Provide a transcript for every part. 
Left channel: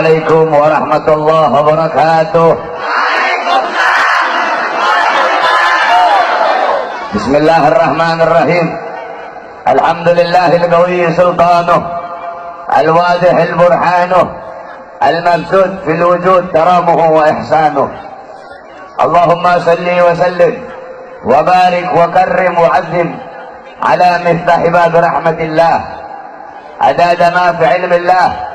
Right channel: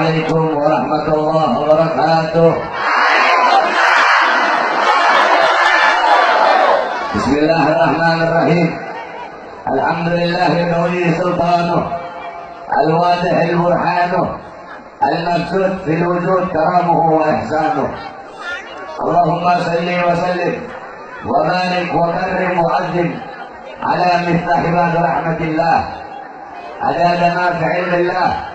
Assalamualaikum warahmatullahi wabarakatuh. Bismillahirrahmanirrahim. Alhamdulillahil qawiyyi sultanuh, al-wadihil burhanuh, al-mabsud fil wujud karamuhu wa ihsanuh. Allahumma salli wa sallim wa barik wa karrim wa azim ala miftah bab rahmatillah adada ma fi ilmillah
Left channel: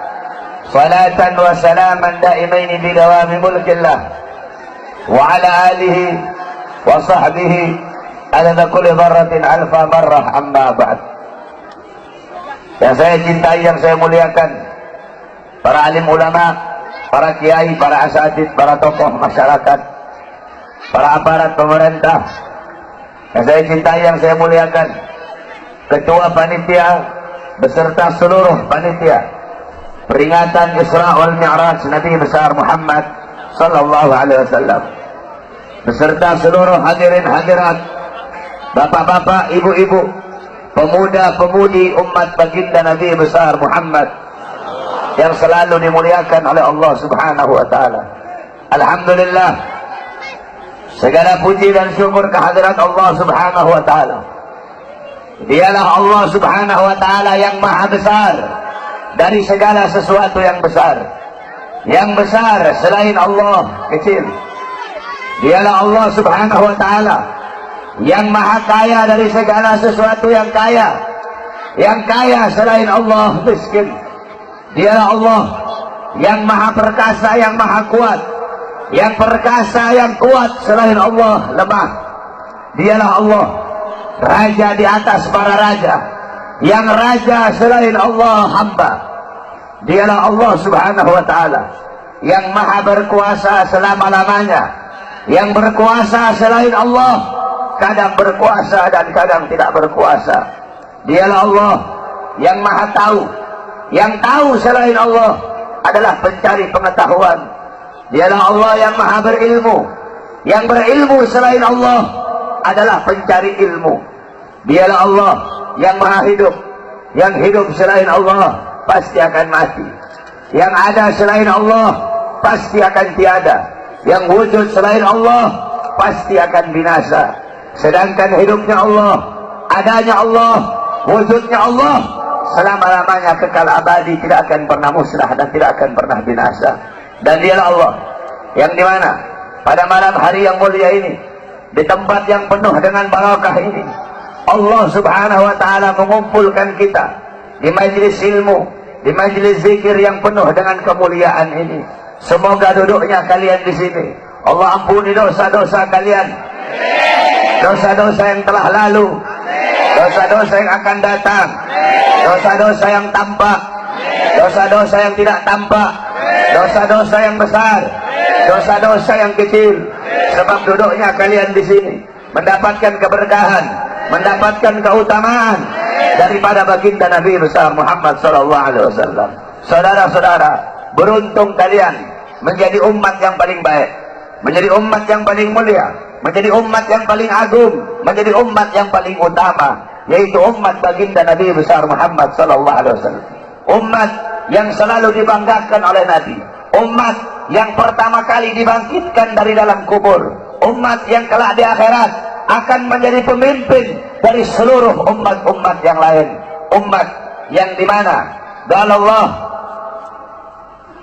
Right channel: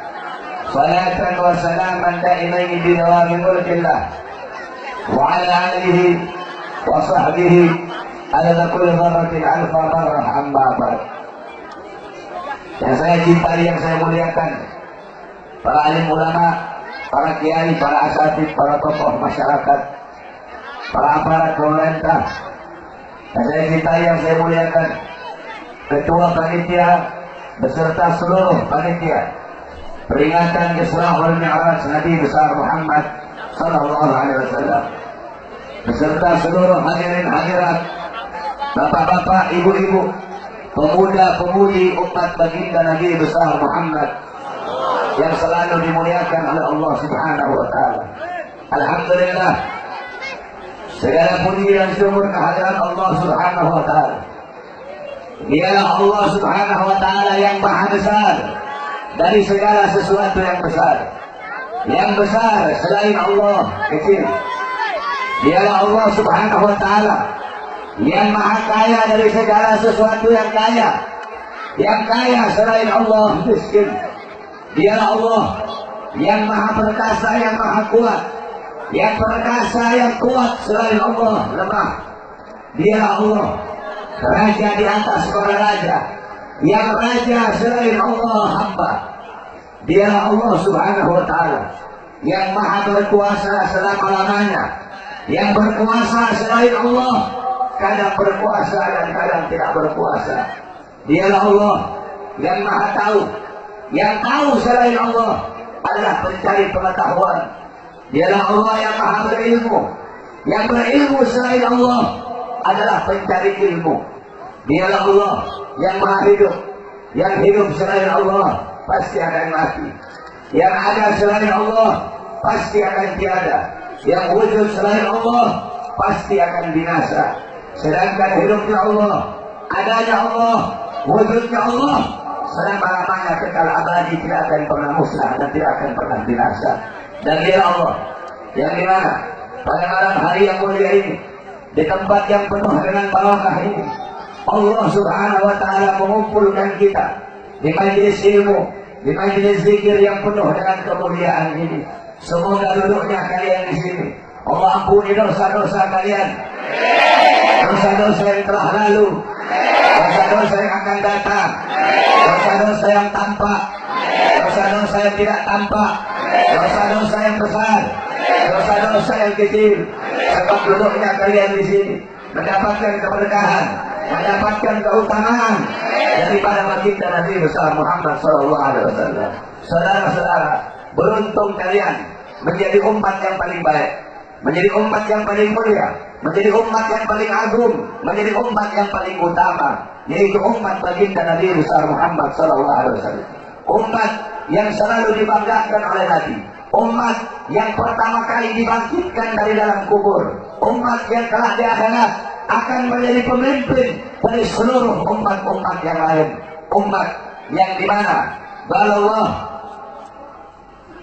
salatan wa salaman daimain di dawami mulkillah wa ala alihi wa sahbihi adada kulli dharratin alfa marrah amma ba'd. Yang saya cintai, yang saya muliakan, para alim ulama, para kiai, para asatidz, para tokoh masyarakat, para aparat pemerintah, yang saya cintai, yang saya muliakan, ketua panitia beserta seluruh panitia peringatan Isra wal Mi'raj Nabi besar Muhammad sallallahu alaihi wasallam, beserta seluruh hadirin hadirat, bapak-bapak, ibu-ibu, pemuda-pemudi umat baginda Nabi besar Muhammad yang selalu dimuliakan oleh Allah Subhanahu wa taala. Alhamdulillah, segala puji dan syukur kehadirat Allah Subhanahu wa taala. Dialah Allah Subhanahu wa taala yang maha besar dari segala sesuatu yang besar. Yang besar selain Allah kecil. Dialah Allah Subhanahu wa taala yang maha kaya dari segala sesuatu yang kaya. Yang kaya selain Allah miskin. Dialah Allah yang maha perkasa, yang maha kuat. Yang perkasa, yang kuat selain Allah lemah. Dialah Allah raja di atas para raja. Yang raja selain Allah hamba. Dialah Allah Subhanahu wa taala yang maha berkuasa selama-lamanya. Yang berkuasa selain Allah kadang berkuasa dan kadang tidak berkuasa. Dialah Allah yang maha tahu. Yang tahu selain Allah adalah pencari pengetahuan. Dialah Allah yang maha berilmu. Yang berilmu selain Allah adalah pencari ilmu. Dialah Allah yang maha hidup. Yang hidup selain Allah pasti akan mati. Yang ada selain Allah pasti akan tiada. Yang wujud selain Allah pasti akan binasa. Sedangkan hidupnya Allah, adanya Allah, wujudnya Allah selama-lamanya kekal abadi, tidak akan pernah musnah dan tidak akan pernah binasa. Dan dialah Allah yang dimana pada malam hari yang mulia ini, di tempat yang penuh dengan barakah ini, Allah Subhanahu wa taala mengumpulkan kita di majelis ilmu, di majelis zikir yang penuh dengan kemuliaan ini. Semoga duduknya kalian di sini Allah ampuni dosa-dosa kalian, dosa-dosa yang telah lalu, dosa-dosa yang akan datang, dosa-dosa yang tampak, dosa-dosa yang tidak tampak, dosa-dosa yang besar, dosa-dosa yang kecil. Sebab duduknya kalian di sini mendapatkan keberkahan, mendapatkan keutamaan daripada baginda Nabi besar Muhammad sallallahu alaihi wasallam. Saudara-saudara, beruntung kalian menjadi umat yang paling baik, menjadi umat yang paling mulia, menjadi umat yang paling agung, menjadi umat yang paling utama, yaitu umat baginda Nabi besar Muhammad sallallahu alaihi wasallam. Umat yang selalu dibanggakan oleh Nabi, umat yang pertama kali dibangkitkan dari dalam kubur, umat yang kelak di akhirat akan menjadi pemimpin dari seluruh umat-umat yang lain. Umat yang dimana Allah,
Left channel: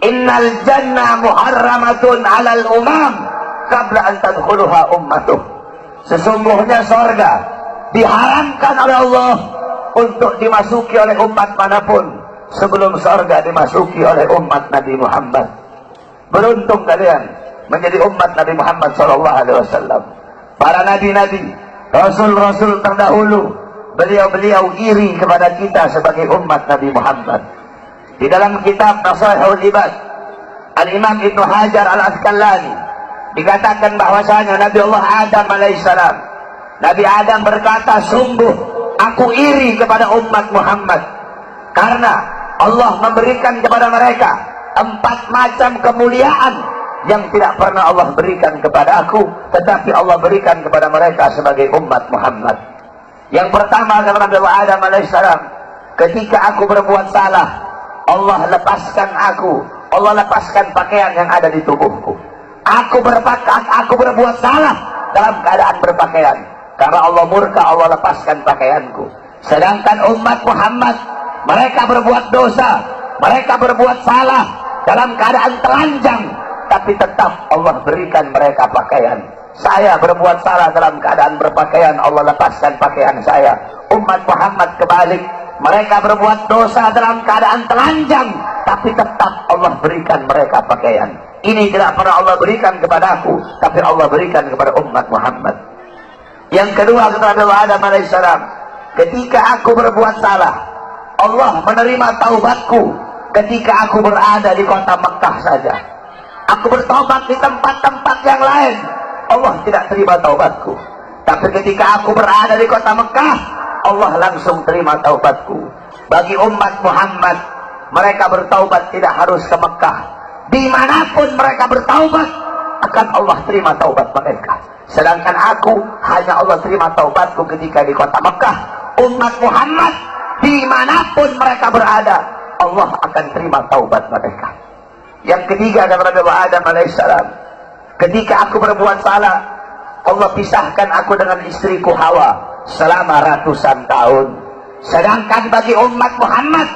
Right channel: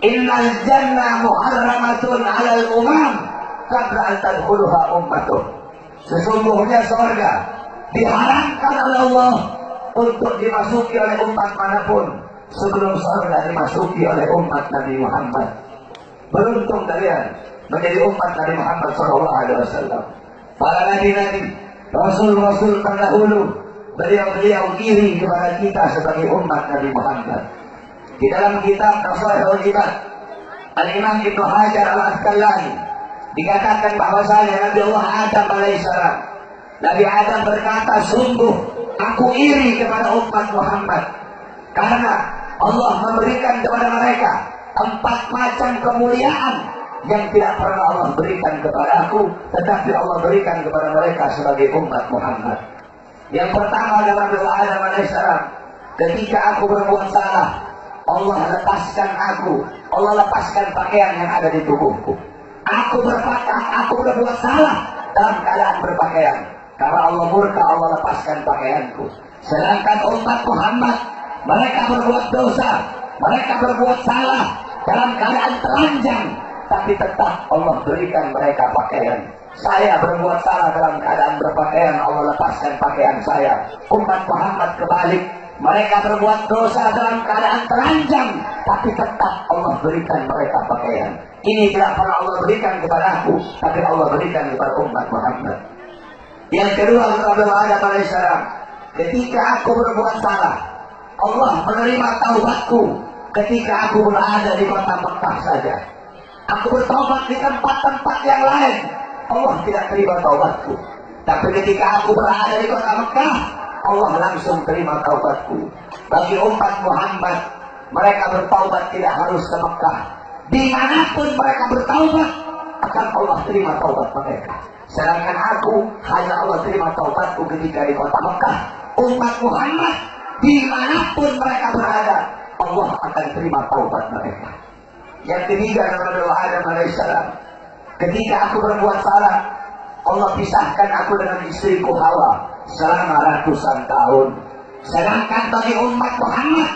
innal jannah muharramatun alal umam qabla an tadkhuluha ummatuh. Sesungguhnya sorga diharamkan oleh Allah untuk dimasuki oleh umat manapun sebelum sorga dimasuki oleh umat Nabi Muhammad. Beruntung kalian menjadi umat Nabi Muhammad sallallahu alaihi wasallam. Para nabi-nabi, rasul-rasul terdahulu, beliau-beliau iri kepada kita sebagai umat Nabi Muhammad. Di dalam kitab Nasaihul Ibad, Al-Imam Ibnu Hajar Al-Asqalani dikatakan bahwasanya Nabi Allah Adam alaihissalam, Nabi Adam berkata, sungguh aku iri kepada umat Muhammad karena Allah memberikan kepada mereka 4 macam kemuliaan yang tidak pernah Allah berikan kepada aku, tetapi Allah berikan kepada mereka sebagai umat Muhammad. Yang pertama adalah Nabi Allah Adam alaihissalam, ketika aku berbuat salah, Allah lepaskan aku, Allah lepaskan pakaian yang ada di tubuhku. Aku berbuat salah dalam keadaan berpakaian. Karena Allah murka, Allah lepaskan pakaianku. Sedangkan umat Muhammad, mereka berbuat dosa, mereka berbuat salah dalam keadaan telanjang, tapi tetap Allah berikan mereka pakaian. Saya berbuat salah dalam keadaan berpakaian, Allah lepaskan pakaian saya. Umat Muhammad kebalik, mereka berbuat dosa dalam keadaan telanjang, tapi tetap Allah berikan mereka pakaian. Ini tidak pernah Allah berikan kepadaku, tapi Allah berikan kepada umat Muhammad. Yang kedua, kata Nabi Adam alaihissalam, ketika aku berbuat salah, Allah menerima taubatku ketika aku berada di kota Mekah saja. Aku bertobat di tempat-tempat yang lain, Allah tidak terima taubatku. Tapi ketika aku berada di kota Mekah, Allah langsung terima taubatku. Bagi umat Muhammad, mereka bertaubat tidak harus ke Mekah. Dimanapun mereka bertaubat, akan Allah terima taubat mereka. Sedangkan aku, hanya Allah terima taubatku ketika di kota Mekah. Umat Muhammad, dimanapun mereka berada, Allah akan terima taubat mereka. Yang ketiga, kata Nabi Adam alaihissalam, ketika aku berbuat salah, Allah pisahkan aku dengan istriku Hawa selama ratusan tahun. Sedangkan bagi umat Muhammad,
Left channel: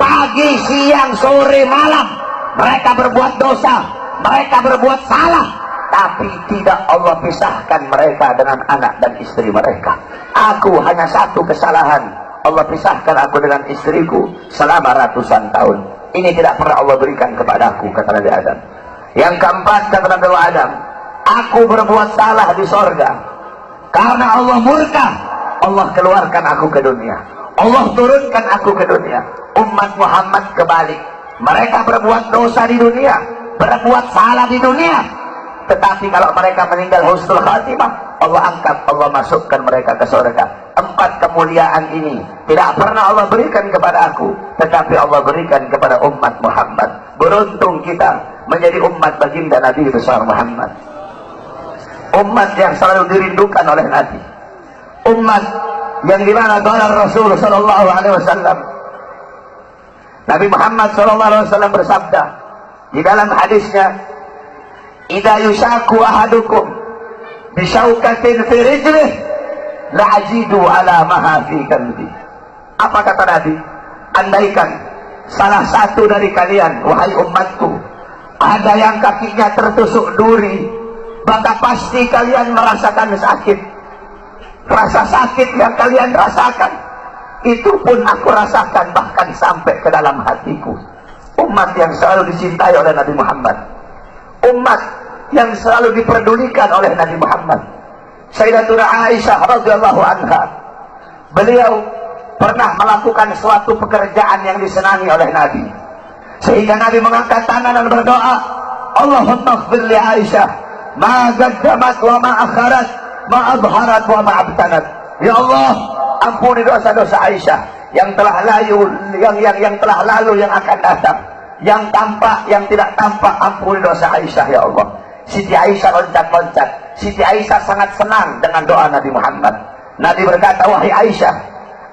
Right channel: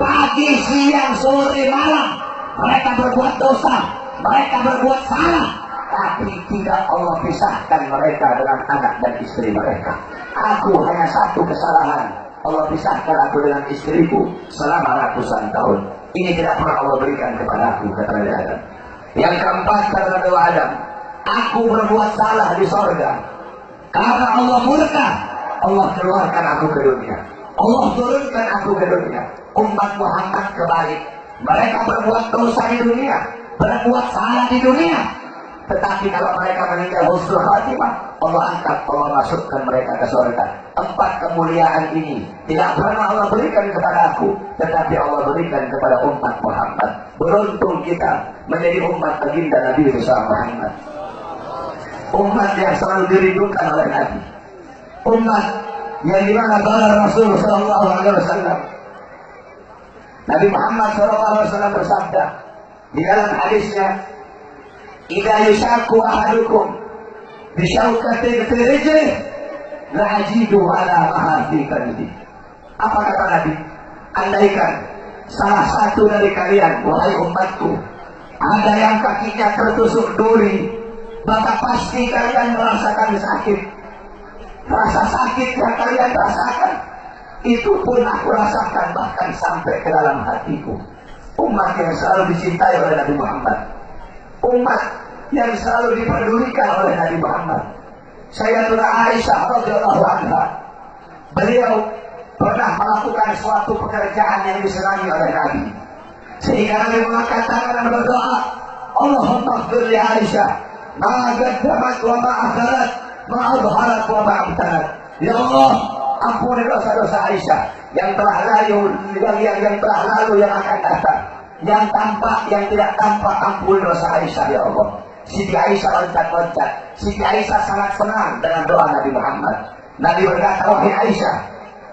pagi, siang, sore, malam, mereka berbuat dosa, mereka berbuat salah, tapi tidak Allah pisahkan mereka dengan anak dan istri mereka. Aku hanya satu kesalahan, Allah pisahkan aku dengan istriku selama ratusan tahun. Ini tidak pernah Allah berikan kepadaku, kata Nabi Adam. Yang keempat, kata Nabi Adam, aku berbuat salah di sorga. Karena Allah murka, Allah keluarkan aku ke dunia, Allah turunkan aku ke dunia. Umat Muhammad kebalik, mereka berbuat dosa di dunia, berbuat salah di dunia, tetapi kalau mereka meninggal husnul khatimah, Allah angkat, Allah masukkan mereka ke surga. Empat kemuliaan ini tidak pernah Allah berikan kepada aku, tetapi Allah berikan kepada umat Muhammad. Beruntung kita menjadi umat baginda Nabi besar Muhammad, umat yang selalu dirindukan oleh Nabi, umat yang dimana qala Rasul sallallahu alaihi wasallam, Nabi Muhammad sallallahu alaihi wasallam bersabda di dalam hadisnya, idza yushaku ahadukum bisyaukatin fi rijlih la ajidu ala maha fi qalbi. Apa kata Nabi? Andaikan salah satu dari kalian, wahai umatku, ada yang kakinya tertusuk duri, maka pasti kalian merasakan sakit. Rasa sakit yang kalian rasakan, itu pun aku rasakan bahkan sampai ke dalam hatiku. Umat yang selalu dicintai oleh Nabi Muhammad, umat yang selalu diperdulikan oleh Nabi Muhammad. Sayyidatuna Aisyah radhiyallahu anha, beliau pernah melakukan suatu pekerjaan yang disenangi oleh Nabi, sehingga Nabi mengangkat tangan dan berdoa, Allahumma ighfir li Aisyah ma qaddamat wa ma akharat, ma adharat wa ma abtanat. Ya Allah, ampuni dosa-dosa Aisyah yang telah lalu, yang telah lalu, yang akan datang, yang tampak, yang tidak tampak. Ampuni dosa Aisyah ya Allah. Siti Aisyah loncat-loncat. Siti Aisyah sangat senang dengan doa Nabi Muhammad. Nabi berkata, wahai Aisyah,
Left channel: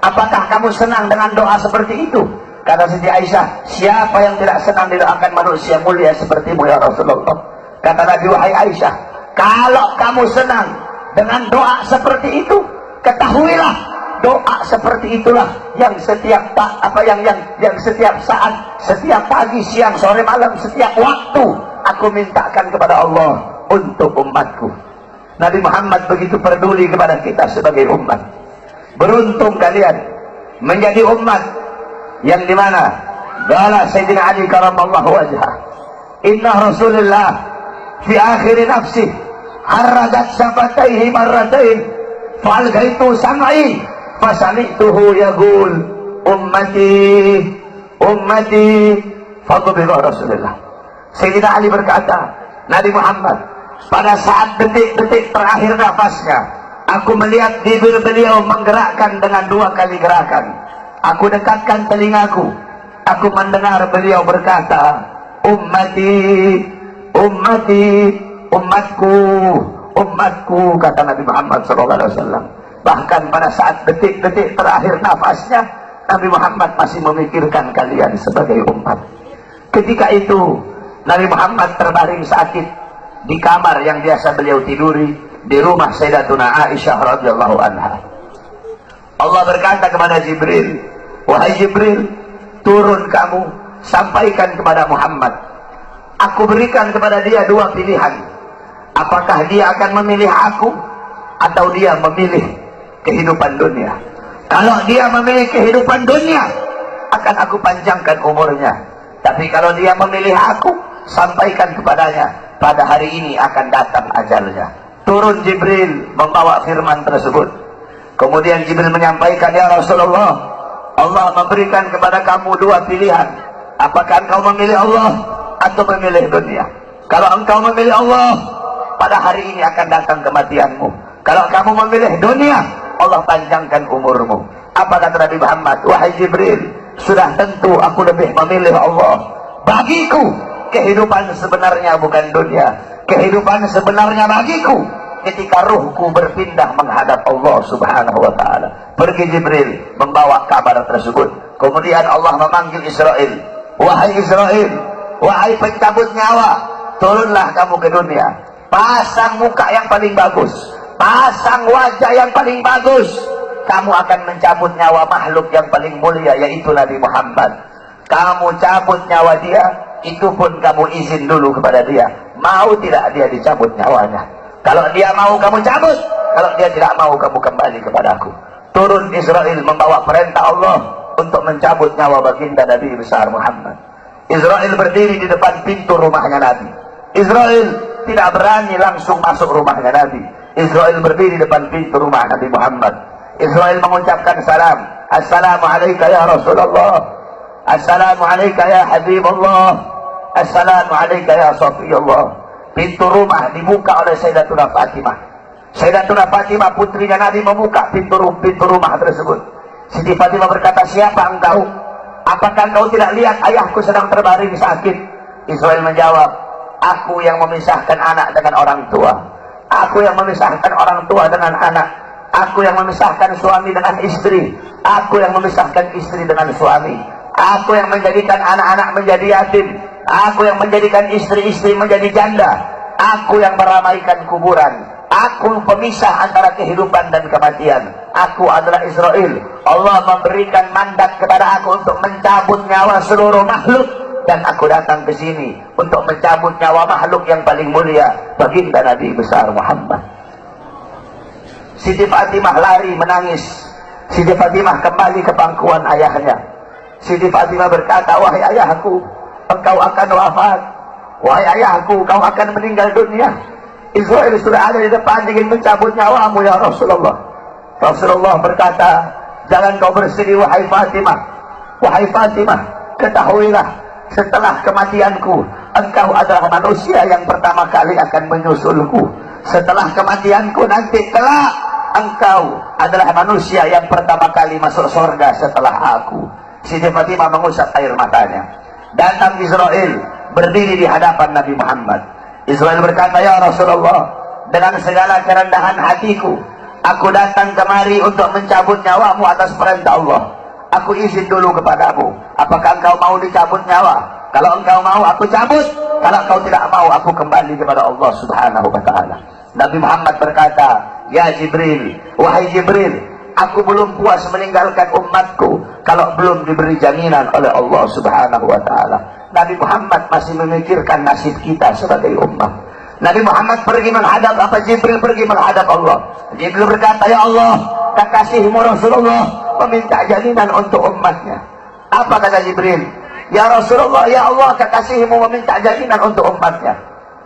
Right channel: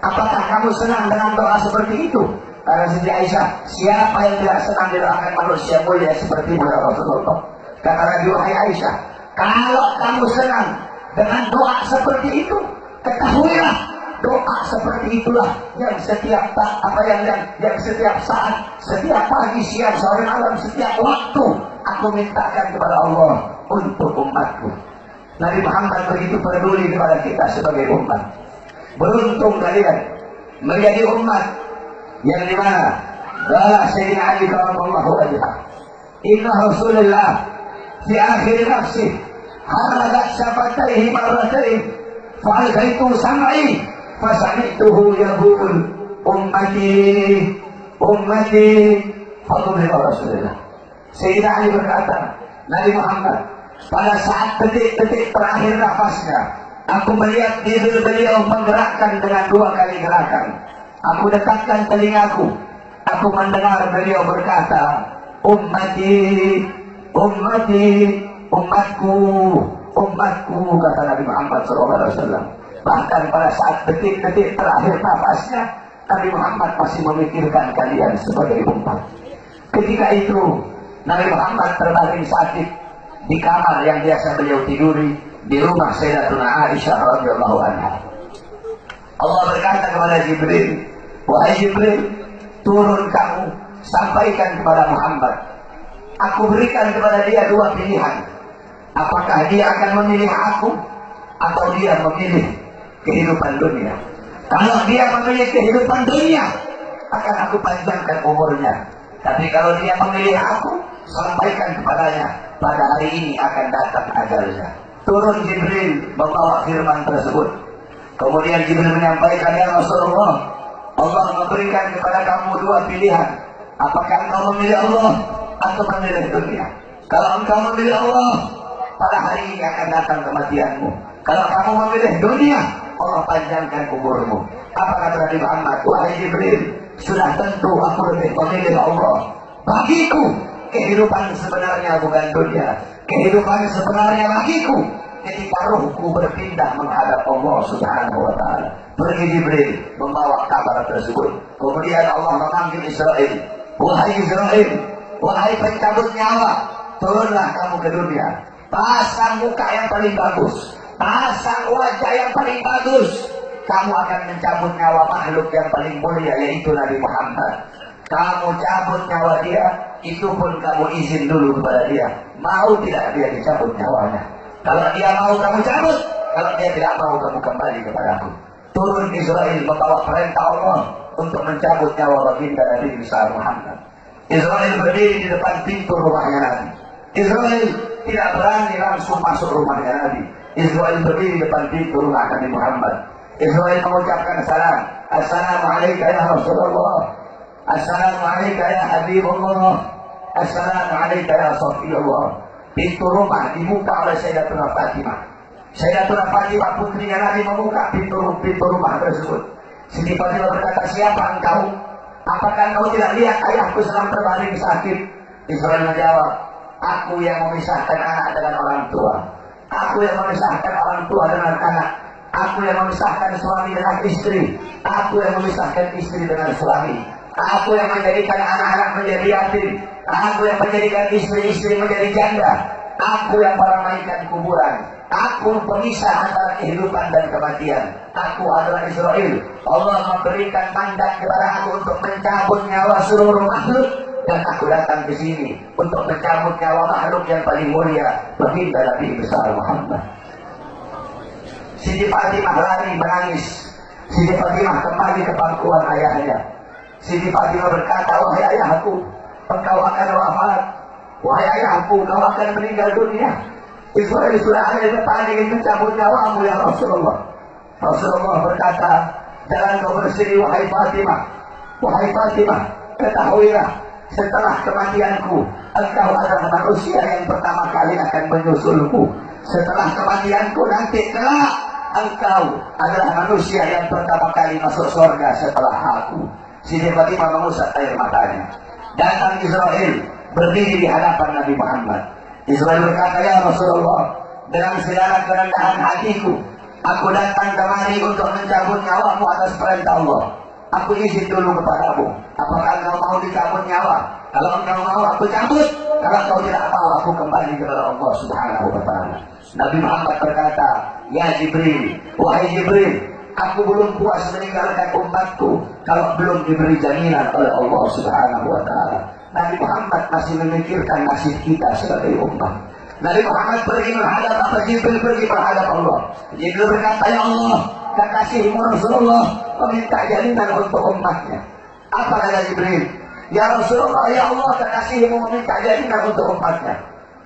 apakah kamu senang dengan doa seperti itu? Karena Siti Aisyah, siapa yang tidak senang didoakan manusia mulia sepertimu ya Rasulullah. Kata Nabi, wahai Aisyah, kalau kamu senang dengan doa seperti itu, ketahuilah doa seperti itulah yang setiap yang setiap saat, setiap pagi, siang, sore, malam, setiap waktu aku mintakan kepada Allah untuk umatku. Nabi Muhammad begitu peduli kepada kita sebagai umat. Beruntung kalian menjadi umat yang dimana qala Sayyidina Ali karamallahu wajhah, inna Rasulullah fi akhir nafsi haradat syafataihi marratain falgaitu sam'i fasami'tuhu yaqul ummati ummati fadhillah Rasulullah. Sayyidina Ali berkata, Nabi Muhammad pada saat detik-detik terakhir nafasnya, aku melihat bibir beliau menggerakkan dengan 2 kali gerakan. Aku dekatkan telingaku, aku mendengar beliau berkata, ummati ummati, umatku umatku, kata Nabi Muhammad SAW. Bahkan pada saat detik-detik terakhir nafasnya, Nabi Muhammad masih memikirkan kalian sebagai umat. Ketika itu Nabi Muhammad terbaring sakit di kamar yang biasa beliau tiduri di rumah Sayyidatuna Aisyah radhiyallahu anha. Allah berkata kepada Jibril, wahai Jibril, turun kamu, sampaikan kepada Muhammad, aku berikan kepada dia dua pilihan. Apakah dia akan memilih aku atau dia memilih kehidupan dunia? Kalau dia memilih kehidupan dunia, akan aku panjangkan umurnya. Tapi kalau dia memilih aku, sampaikan kepadanya, pada hari ini akan datang ajalnya. Turun Jibril membawa firman tersebut. Kemudian Jibril menyampaikan, ya Rasulullah, Allah memberikan kepada kamu dua pilihan. Apakah engkau memilih Allah atau memilih dunia? Kalau engkau memilih Allah, pada hari ini akan datang kematianmu. Kalau kamu memilih dunia, Allah panjangkan umurmu. Apa kata Nabi Muhammad? Wahai Jibril, sudah tentu aku lebih memilih Allah. Bagiku kehidupan sebenarnya bukan dunia. Kehidupan sebenarnya bagiku ketika ruhku berpindah menghadap Allah subhanahu wa ta'ala. Pergi Jibril membawa kabar tersebut. Kemudian Allah memanggil Israel. Wahai Israel, wahai pencabut nyawa, turunlah kamu ke dunia. Pasang muka yang paling bagus, pasang wajah yang paling bagus. Kamu akan mencabut nyawa makhluk yang paling mulia, yaitu Nabi Muhammad. Kamu cabut nyawa dia, itu pun kamu izin dulu kepada dia. Mau tidak dia dicabut nyawanya? Kalau dia mau kamu cabut, kalau dia tidak mau kamu kembali kepadaku. Turun Israel membawa perintah Allah untuk mencabut nyawa baginda Nabi besar Muhammad. Israel berdiri di depan pintu rumahnya Nabi. Israel tidak berani langsung masuk rumahnya Nabi. Israel berdiri di depan pintu rumah Nabi Muhammad. Israel mengucapkan salam. Assalamualaikum ya Rasulullah. Assalamualaikum ya Habibullah. Assalamualaikum ya Safiyullah. Pintu rumah dibuka oleh Sayyidatuna Fatimah. Sayyidatuna Fatimah putrinya Nabi membuka pintu rumah tersebut. Siti Fatimah berkata, siapa engkau? Apakah engkau tidak lihat ayahku sedang terbaring sakit? Israel menjawab, aku yang memisahkan anak dengan orang tua. Aku yang memisahkan orang tua dengan anak. Aku yang memisahkan suami dengan istri. Aku yang memisahkan istri dengan suami. Aku yang menjadikan anak-anak menjadi yatim. Aku yang menjadikan istri-istri menjadi janda. Aku yang meramaikan kuburan. Aku pemisah antara kehidupan dan kematian. Aku adalah Israel. Allah memberikan mandat kepada aku untuk mencabut nyawa seluruh makhluk. Dan aku datang ke sini untuk mencabut nyawa makhluk yang paling mulia, baginda Nabi besar Muhammad. Siti Fatimah lari menangis. Siti Fatimah kembali ke pangkuan ayahnya. Siti Fatimah berkata, wahai ayahku, engkau akan wafat. Wahai ayahku, kau akan meninggal dunia. Israel sudah ada di depan ingin mencabut nyawamu ya Rasulullah. Rasulullah berkata, jangan kau bersedih wahai Fatimah. Wahai Fatimah, ketahuilah, setelah kematianku, engkau adalah manusia yang pertama kali akan menyusulku. Setelah kematianku nanti kelak, engkau adalah manusia yang pertama kali masuk surga setelah aku. Siti Fatimah mengusap air matanya. Datang Israel berdiri di hadapan Nabi Muhammad. Israel berkata, ya Rasulullah, dengan segala kerendahan hatiku, aku datang kemari untuk mencabut nyawamu atas perintah Allah. Aku izin dulu kepadamu, apakah engkau mau dicabut nyawa? Kalau engkau mau, aku cabut. Kalau engkau tidak mau, aku kembali kepada Allah subhanahu wa ta'ala. Nabi Muhammad berkata, ya Jibril, wahai Jibril, aku belum puas meninggalkan umatku kalau belum diberi jaminan oleh Allah subhanahu wa ta'ala. Nabi Muhammad masih memikirkan nasib kita sebagai umat. Nabi Muhammad pergi menghadap apa? Jibril pergi menghadap Allah. Jibril berkata, ya Allah, kekasihmu Rasulullah meminta jaminan untuk umatnya. Apa kata Jibril? Ya Rasulullah, ya Allah, kekasihmu meminta jaminan untuk umatnya.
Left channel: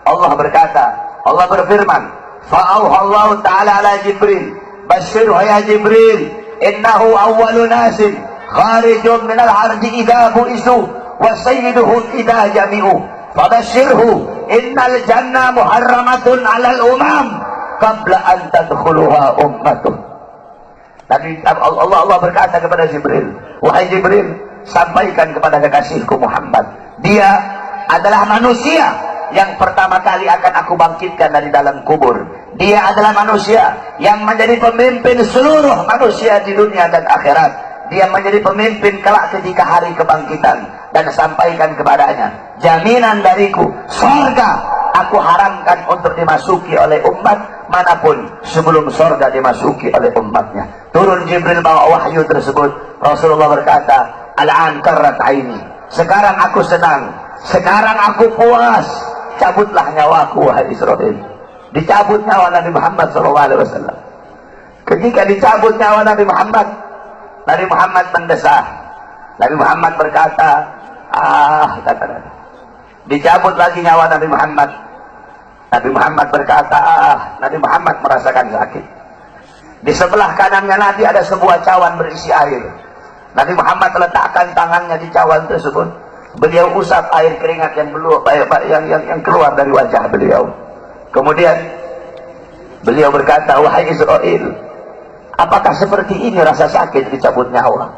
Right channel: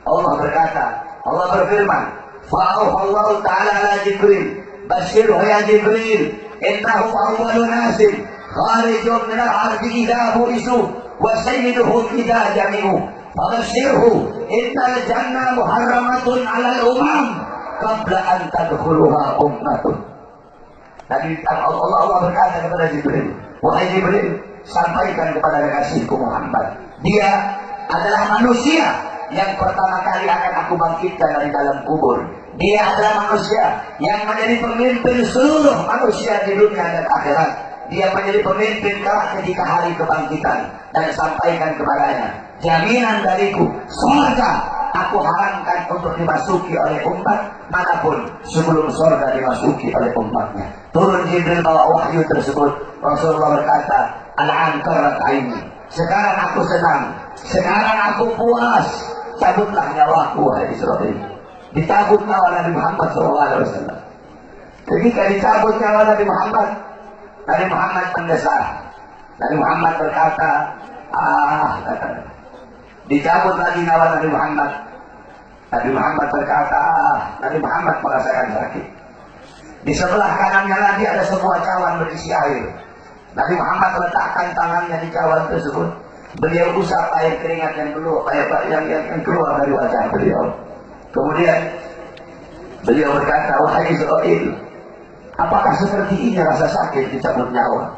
Allah berkata, Allah berfirman, fa'auhallahu ta'ala ala Jibril, basyirhu ya Jibril, innahu awwalu nasin kharijun minal ardi idha bu'isu wa sayyiduhu idha jami'u fabashirhu innal jannah muharramatun alal umam qabla an tadkhuluha ummatun. Nabi Allah berkata kepada Jibril, wahai Jibril, sampaikan kepada kekasihku Muhammad, dia adalah manusia yang pertama kali akan aku bangkitkan dari dalam kubur. Dia adalah manusia yang menjadi pemimpin seluruh manusia di dunia dan akhirat. dia menjadi pemimpin kelak ketika hari kebangkitan, dan sampaikan kepadanya, jaminan dariku surga aku haramkan untuk dimasuki oleh umat manapun sebelum surga dimasuki oleh umatnya. Turun Jibril bawa wahyu tersebut. Rasulullah berkata, al-an karrat aini, sekarang aku senang, sekarang aku puas, cabutlah nyawaku wahai Israil. Dicabut nyawa Nabi Muhammad SAW. Ketika dicabut nyawa Nabi Muhammad mendesah. Nabi Muhammad berkata, dicabut lagi nyawa Nabi Muhammad. Nabi Muhammad berkata, Nabi Muhammad merasakan sakit. Di sebelah kanannya Nabi ada sebuah cawan berisi air. Nabi Muhammad letakkan tangannya di cawan tersebut. Beliau usap air keringat yang keluar dari wajah beliau. Kemudian beliau berkata, wahai Israil, apakah seperti ini rasa sakit dicabut nyawa?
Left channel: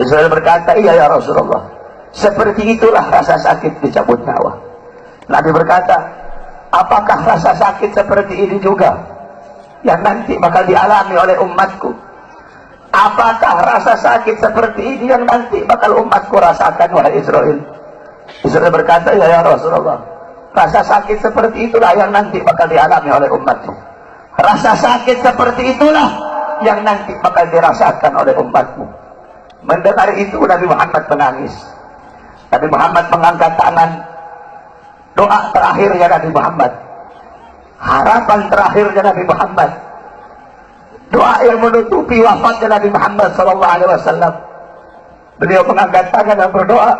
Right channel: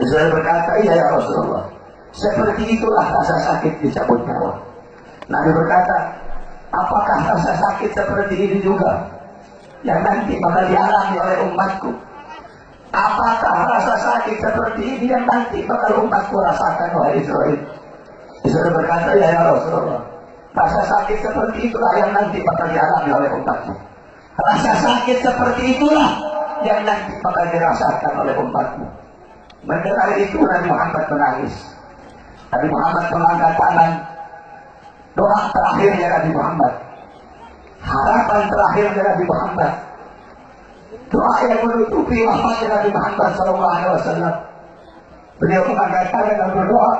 Israil berkata, iya ya Rasulullah, seperti itulah rasa sakit dicabut nyawa. Nabi berkata, apakah rasa sakit seperti ini juga yang nanti bakal dialami oleh umatku? Apakah rasa sakit seperti ini yang nanti bakal umatku rasakan, wahai Israil? Israil berkata, ya Rasulullah, rasa sakit seperti itulah yang nanti bakal dialami oleh umatmu. Rasa sakit seperti itulah yang nanti bakal dirasakan oleh umatmu. Mendengar itu Nabi Muhammad menangis. Nabi Muhammad mengangkat tangan. Doa terakhirnya Nabi Muhammad, harapan terakhirnya Nabi Muhammad, doa yang menutupi wafatnya Nabi Muhammad SAW. Beliau mengangkat tangan dan berdoa,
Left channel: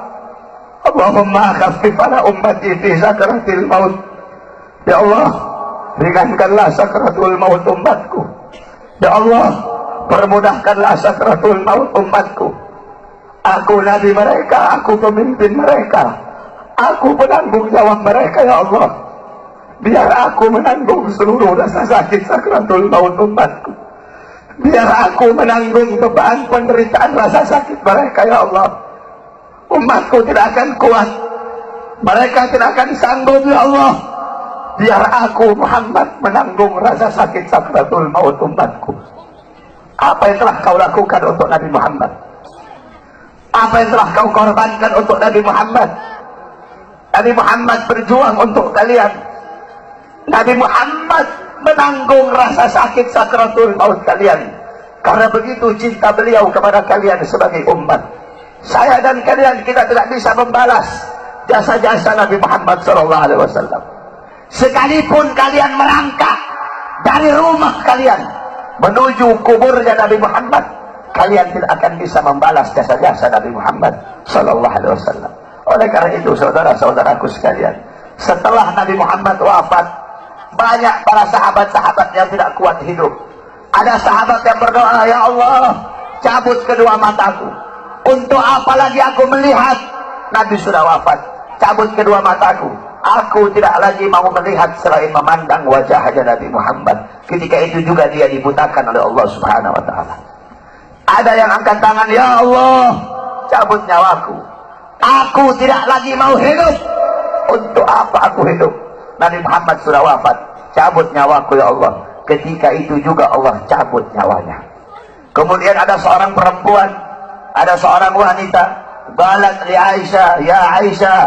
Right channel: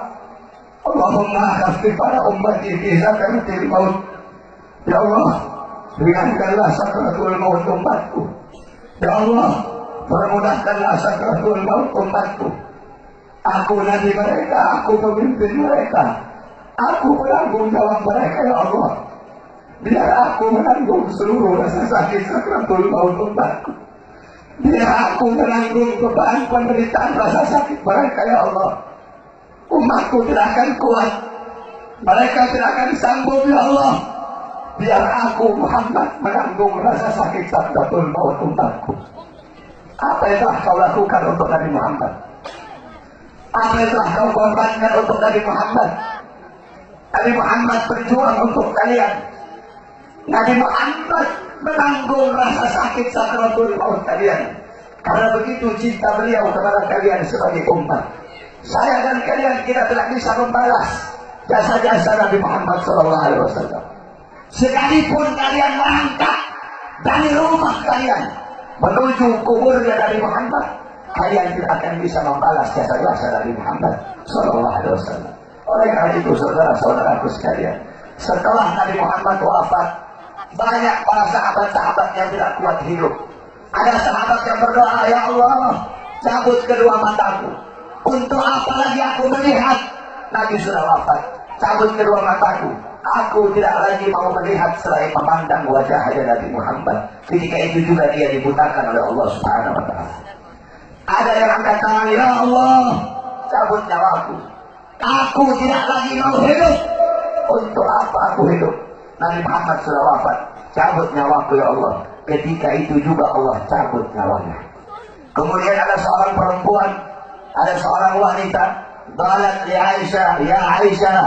Allahumma khaffif ala ummati fi sakratil maut. Ya Allah, ringankanlah sakratul maut umatku. Ya Allah, permudahkanlah sakratul maut umatku. Aku nabi mereka, aku pemimpin mereka, aku penanggung jawab mereka, ya Allah. Biar aku menanggung seluruh rasa sakit sakratul maut umatku. Biar aku menanggung beban penderitaan rasa sakit mereka, ya Allah. Umatku tidak akan kuat, mereka tidak akan sanggup, ya Allah. Biar aku Muhammad menanggung rasa sakit sakratul maut umatku. Apa yang telah kau lakukan untuk Nabi Muhammad? Apa yang telah kau korbankan untuk Nabi Muhammad? Nabi Muhammad berjuang untuk kalian. Nabi Muhammad menanggung rasa sakit sakratul maut kalian. Karena begitu cinta beliau kepada kalian sebagai umat. Saya dan kalian, kita tidak bisa membalas jasa-jasa Nabi Muhammad SAW. Sekalipun kalian merangkak dari rumah kalian menuju kuburnya Nabi Muhammad, kalian tidak akan bisa membalas jasa-jasa Nabi Muhammad SAW. Oleh karena itu, saudara-saudaraku sekalian, setelah Nabi Muhammad wafat, banyak para sahabat-sahabat yang tidak kuat hidup. Ada sahabat yang berdoa, ya Allah, cabut kedua mataku. Untuk apa lagi aku melihat? Nabi sudah wafat, cabut kedua mataku. Aku tidak lagi mau melihat selain memandang wajahnya Nabi Muhammad. Ketika itu juga dia dibutakan oleh Allah Subhanahu wa Ta'ala. Ada yang angkat tangan, ya Allah, cabut nyawaku. Aku tidak lagi mau hidup. Untuk apa aku hidup? Nabi Muhammad sudah wafat, cabut nyawaku ya Allah. Ketika itu juga Allah cabut nyawanya. Kemudian ada seorang perempuan, ada seorang wanita, balat li Aisyah, ya Aisyah,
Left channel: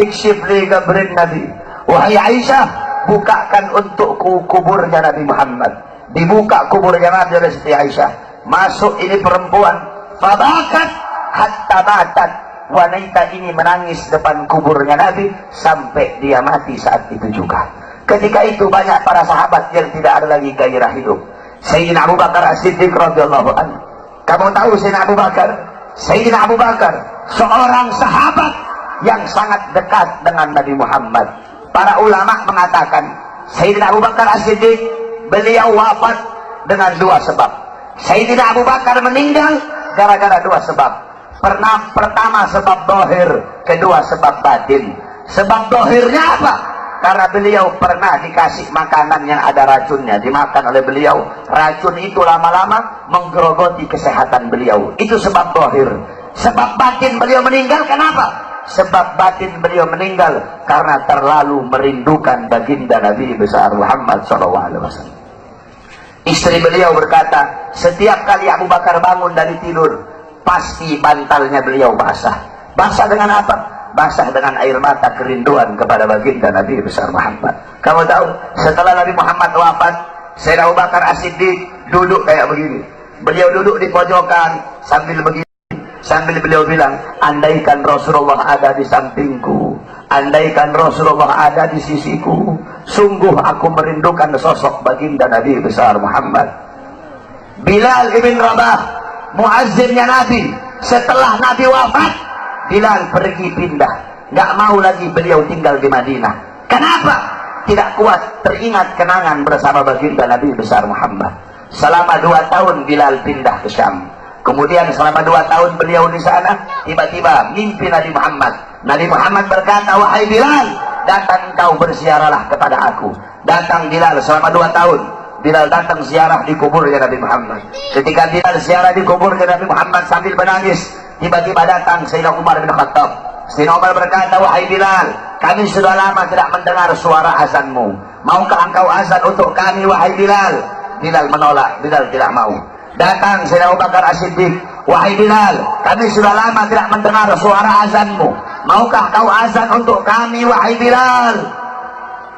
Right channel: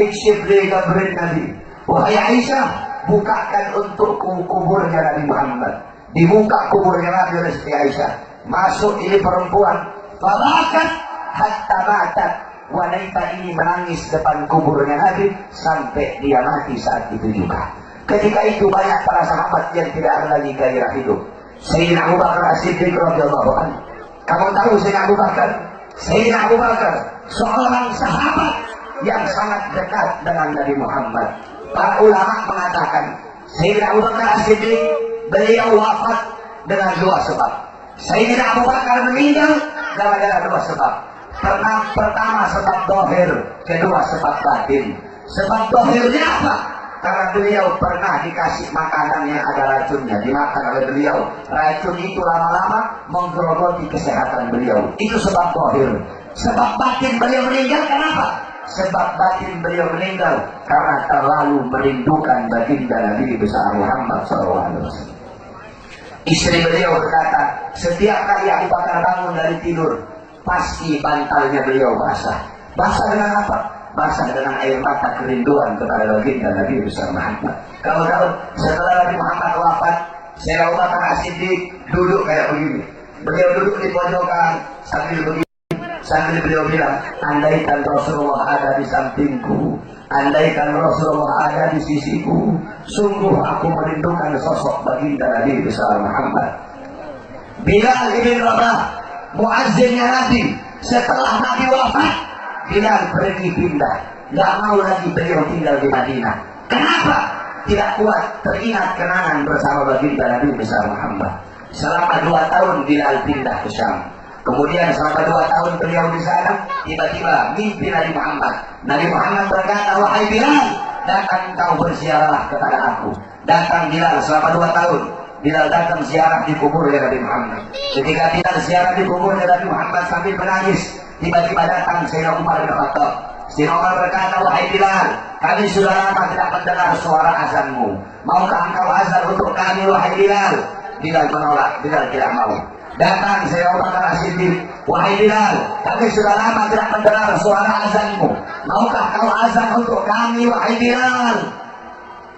ikshif li qabrin Nabi. Wahai Aisyah, bukakan untukku kuburnya Nabi Muhammad. Dibuka kuburnya Nabi oleh Siti Aisyah. Masuk ini perempuan, fabakat hatta matat. Wanita ini menangis depan kuburnya Nabi sampai dia mati saat itu juga. Ketika itu banyak para sahabat yang tidak ada lagi gairah hidup. Sayyidina Abu Bakar As-Siddiq radhiyallahu anhu. Kamu tahu Sayyidina Abu Bakar? Sayyidina Abu Bakar seorang sahabat yang sangat dekat dengan Nabi Muhammad. Para ulama mengatakan Sayyidina Abu Bakar As-Siddiq beliau wafat dengan dua sebab. Sayyidina Abu Bakar meninggal gara-gara dua sebab. Pertama sebab dohir, kedua sebab batin. Sebab dohirnya apa? Karena beliau pernah dikasih makanan yang ada racunnya, dimakan oleh beliau. Racun itu lama-lama menggerogoti kesehatan beliau. Itu sebab dohir. Sebab batin beliau meninggal kenapa? Sebab batin beliau meninggal karena terlalu merindukan baginda Nabi besar Muhammad SAW. Istri beliau berkata, setiap kali Abu Bakar bangun dari tidur, pasti bantalnya beliau basah. Basah dengan apa? Basah dengan air mata kerinduan kepada baginda Nabi besar Muhammad. Kamu tahu, setelah Nabi Muhammad wafat, Sayyidina Abu Bakar As-Siddiq duduk kayak begini. Beliau duduk di pojokan sambil begini, sambil beliau bilang, andaikan Rasulullah ada di sampingku, andaikan Rasulullah ada di sisiku, sungguh aku merindukan sosok baginda Nabi besar Muhammad. Bilal ibn Rabah, muazzinnya Nabi, setelah Nabi wafat, Bilal pergi pindah, nggak mau lagi beliau tinggal di Madinah. Kenapa? Tidak kuat teringat kenangan bersama baginda Nabi besar Muhammad. Selama 2 tahun Bilal pindah ke Syam. Kemudian selama 2 tahun beliau di sana, tiba-tiba mimpi Nabi Muhammad. Nabi Muhammad berkata, wahai Bilal, datang kau berziarahlah kepada aku. Datang Bilal selama 2 tahun. Bilal datang ziarah di kuburnya Nabi Muhammad. Ketika Bilal ziarah di kuburnya Nabi Muhammad sambil menangis, tiba-tiba datang Sayyidina Umar bin Khattab. Sayyidina Umar berkata, wahai Bilal, kami sudah lama tidak mendengar suara azanmu. Maukah engkau azan untuk kami, wahai Bilal? Bilal menolak, Bilal tidak mau. Datang Sayyidina Abu Bakar As-Siddiq, wahai Bilal, kami sudah lama tidak mendengar suara azanmu. Maukah kau azan untuk kami, wahai Bilal?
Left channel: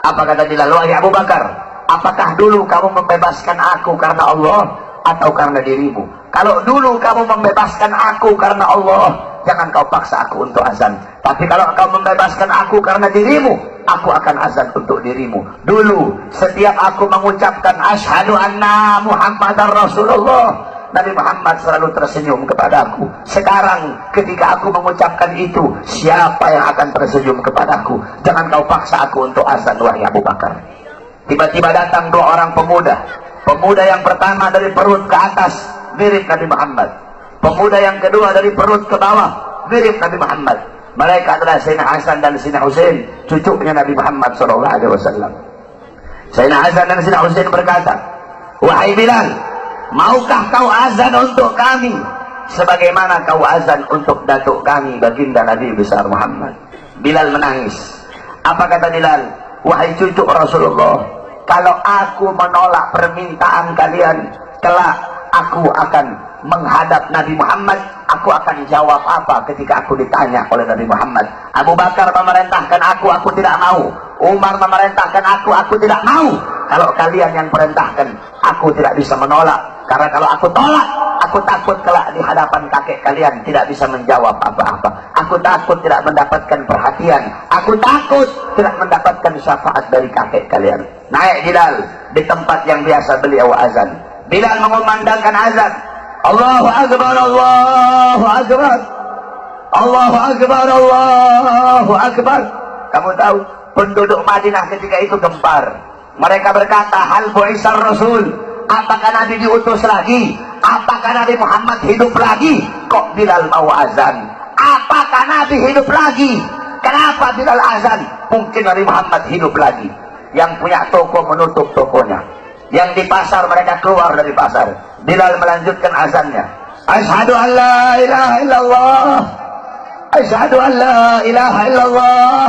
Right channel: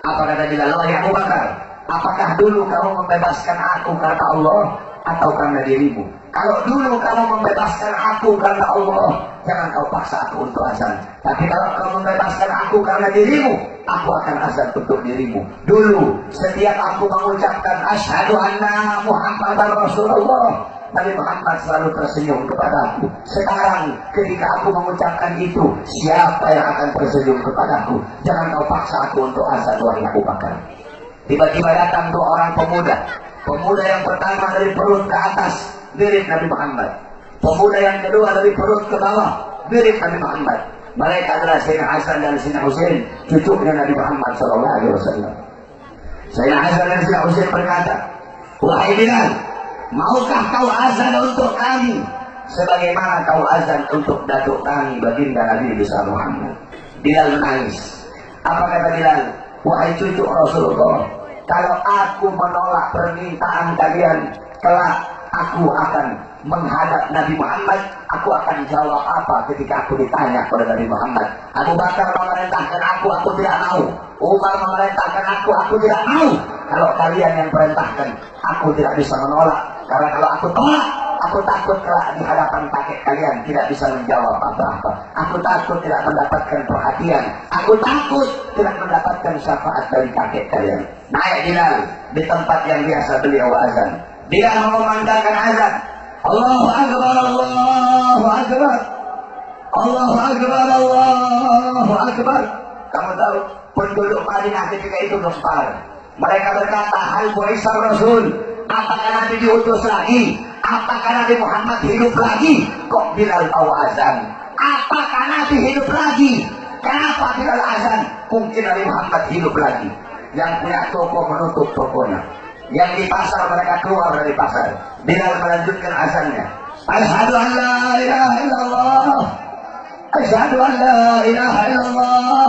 Apa kata Bilal? Wahai Abu Bakar, apakah dulu kamu membebaskan aku karena Allah atau karena dirimu? Kalau dulu kamu membebaskan aku karena Allah, jangan kau paksa aku untuk azan. Tapi kalau kau membebaskan aku karena dirimu, aku akan azan untuk dirimu. Dulu setiap aku mengucapkan asyhadu anna Muhammadar Rasulullah, Nabi Muhammad selalu tersenyum kepadaku. Sekarang ketika aku mengucapkan itu, siapa yang akan tersenyum kepadaku? Jangan kau paksa aku untuk azan, wahai Abu Bakar. Tiba-tiba datang 2 orang pemuda. Pemuda yang pertama dari perut ke atas, mirip Nabi Muhammad. Pemuda yang kedua dari perut ke bawah, mirip Nabi Muhammad. Mereka adalah Sayyidina Hasan dan Sayyidina Husain, cucunya Nabi Muhammad SAW. Sayyidina Hasan dan Sayyidina Husain berkata, wahai Bilal, maukah kau azan untuk kami sebagaimana kau azan untuk datuk kami baginda Nabi besar Muhammad? Bilal menangis. Apa kata Bilal? Wahai cucu Rasulullah, kalau aku menolak permintaan kalian, kelak aku akan menghadap Nabi Muhammad. Aku akan jawab apa ketika aku ditanya oleh Nabi Muhammad? Abu Bakar memerintahkan aku tidak mau. Umar memerintahkan aku tidak mau. Kalau kalian yang perintahkan, aku tidak bisa menolak. Karena kalau aku tolak, aku takut kelak di hadapan kakek kalian tidak bisa menjawab apa-apa. Aku takut tidak mendapatkan perhatian. Aku takut tidak mendapatkan syafaat dari kakek kalian. Naik Bilal di tempat yang biasa beliau azan. Bilal mengumandangkan azan. Allahu Akbar, Allahu Akbar, Allahu Akbar, Allahu Akbar. Kamu tahu penduduk Madinah ketika itu gempar. Mereka berkata, hal bu'isar Rasul, apakah Nabi diutus lagi? Apakah Nabi Muhammad hidup lagi? Kok Bilal mau azan? Apakah Nabi hidup lagi? Kenapa Bilal azan? Mungkin Nabi Muhammad hidup lagi. Yang punya toko menutup tokonya, yang di pasar mereka keluar dari pasar. Bilal melanjutkan azannya. Asyhadu an la ilaha illallah, asyhadu an la ilaha illallah.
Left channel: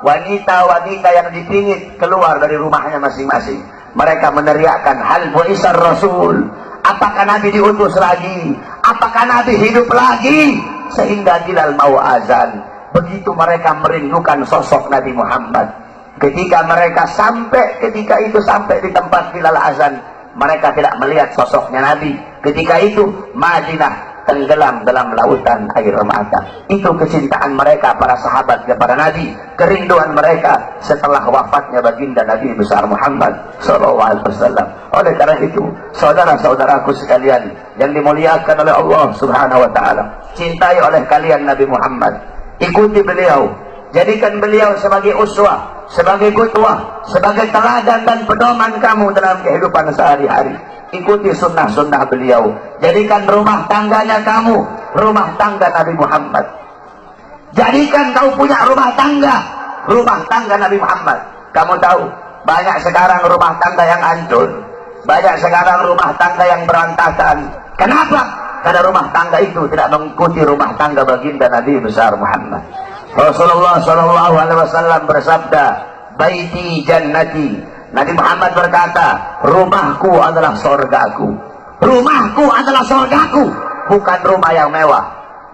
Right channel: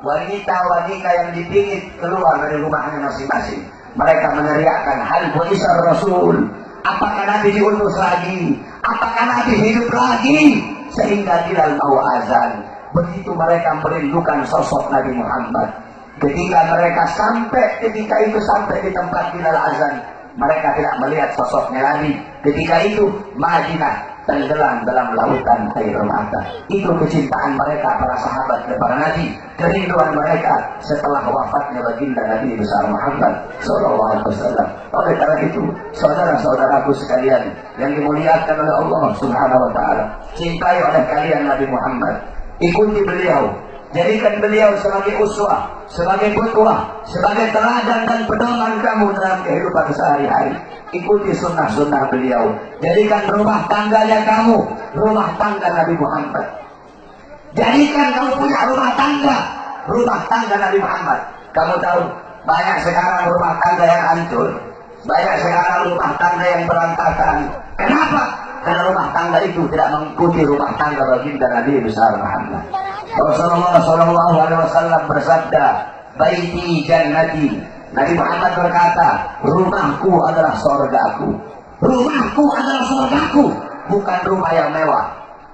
Wanita-wanita yang dipingit keluar dari rumahnya masing-masing. Mereka meneriakkan, hal bu'isar Rasul, apakah Nabi diutus lagi? Apakah Nabi hidup lagi? Sehingga Bilal mau azan. Begitu mereka merindukan sosok Nabi Muhammad. Ketika mereka sampai di tempat Bilal azan, mereka tidak melihat sosoknya Nabi. Ketika itu Madinah tenggelam dalam lautan air mata. Itu kecintaan mereka para sahabat kepada Nabi, kerinduan mereka setelah wafatnya baginda Nabi besar Muhammad SAW. Oleh karena itu, saudara-saudaraku sekalian yang dimuliakan oleh Allah Subhanahu Wa Taala, cintai oleh kalian Nabi Muhammad, ikuti beliau. Jadikan beliau sebagai uswah, sebagai qudwah, sebagai teladan dan pedoman kamu dalam kehidupan sehari-hari. Ikuti sunnah-sunnah beliau. Jadikan rumah tangganya kamu rumah tangga Nabi Muhammad. Jadikan kau punya rumah tangga Nabi Muhammad. Kamu tahu, banyak sekarang rumah tangga yang hancur, banyak sekarang rumah tangga yang berantakan. Kenapa? Karena rumah tangga itu tidak mengikuti rumah tangga baginda Nabi besar Muhammad. Rasulullah SAW bersabda, baiti jannati. Nabi Muhammad berkata, rumahku adalah surgaku. Rumahku adalah surgaku. bukan rumah yang mewah,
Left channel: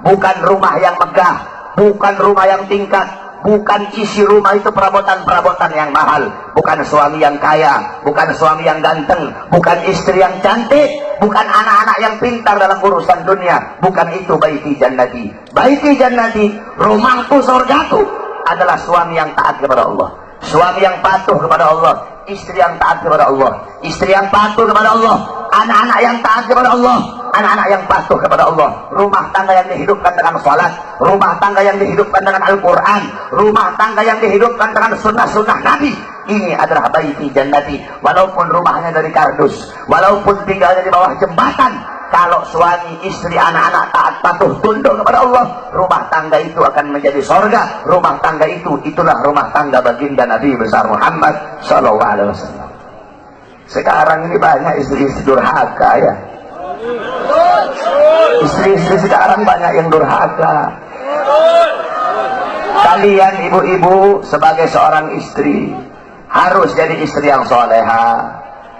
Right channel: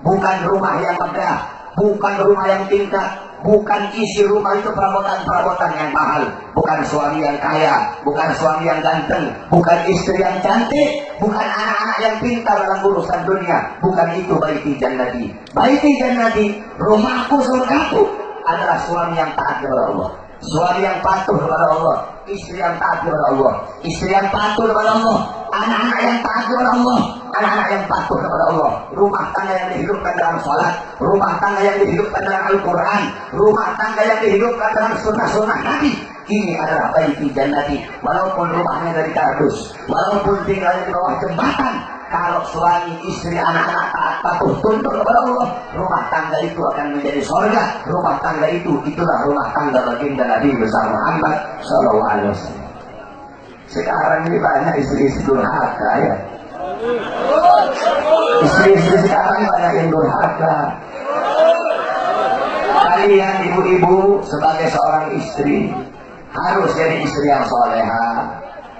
bukan rumah yang megah, bukan rumah yang tingkat, bukan isi rumah itu perabotan-perabotan yang mahal, bukan suami yang kaya, bukan suami yang ganteng, bukan istri yang cantik, bukan anak-anak yang pintar dalam urusan dunia, bukan itu baiti jannati. Baiti jannati, rumahku surgaku, adalah suami yang taat kepada Allah, suami yang patuh kepada Allah, istri yang taat kepada Allah, istri yang patuh kepada Allah, anak-anak yang taat kepada Allah, anak-anak yang patuh kepada Allah, rumah tangga yang dihidupkan dengan salat, rumah tangga yang dihidupkan dengan Al-Quran, rumah tangga yang dihidupkan dengan sunnah-sunnah Nabi. Ini adalah baiti jannati. Walaupun rumahnya dari kardus, walaupun tinggalnya di bawah jembatan, kalau suami, istri, anak-anak taat patuh tunduk kepada Allah, rumah tangga itu akan menjadi sorga. Rumah tangga itu, itulah rumah tangga baginda Nabi besar Muhammad SAW. Sekarang ini banyak istri-istri durhaka ya. Istri-istri sekarang banyak yang durhaka. Kalian ibu-ibu sebagai seorang istri harus jadi istri yang soleha,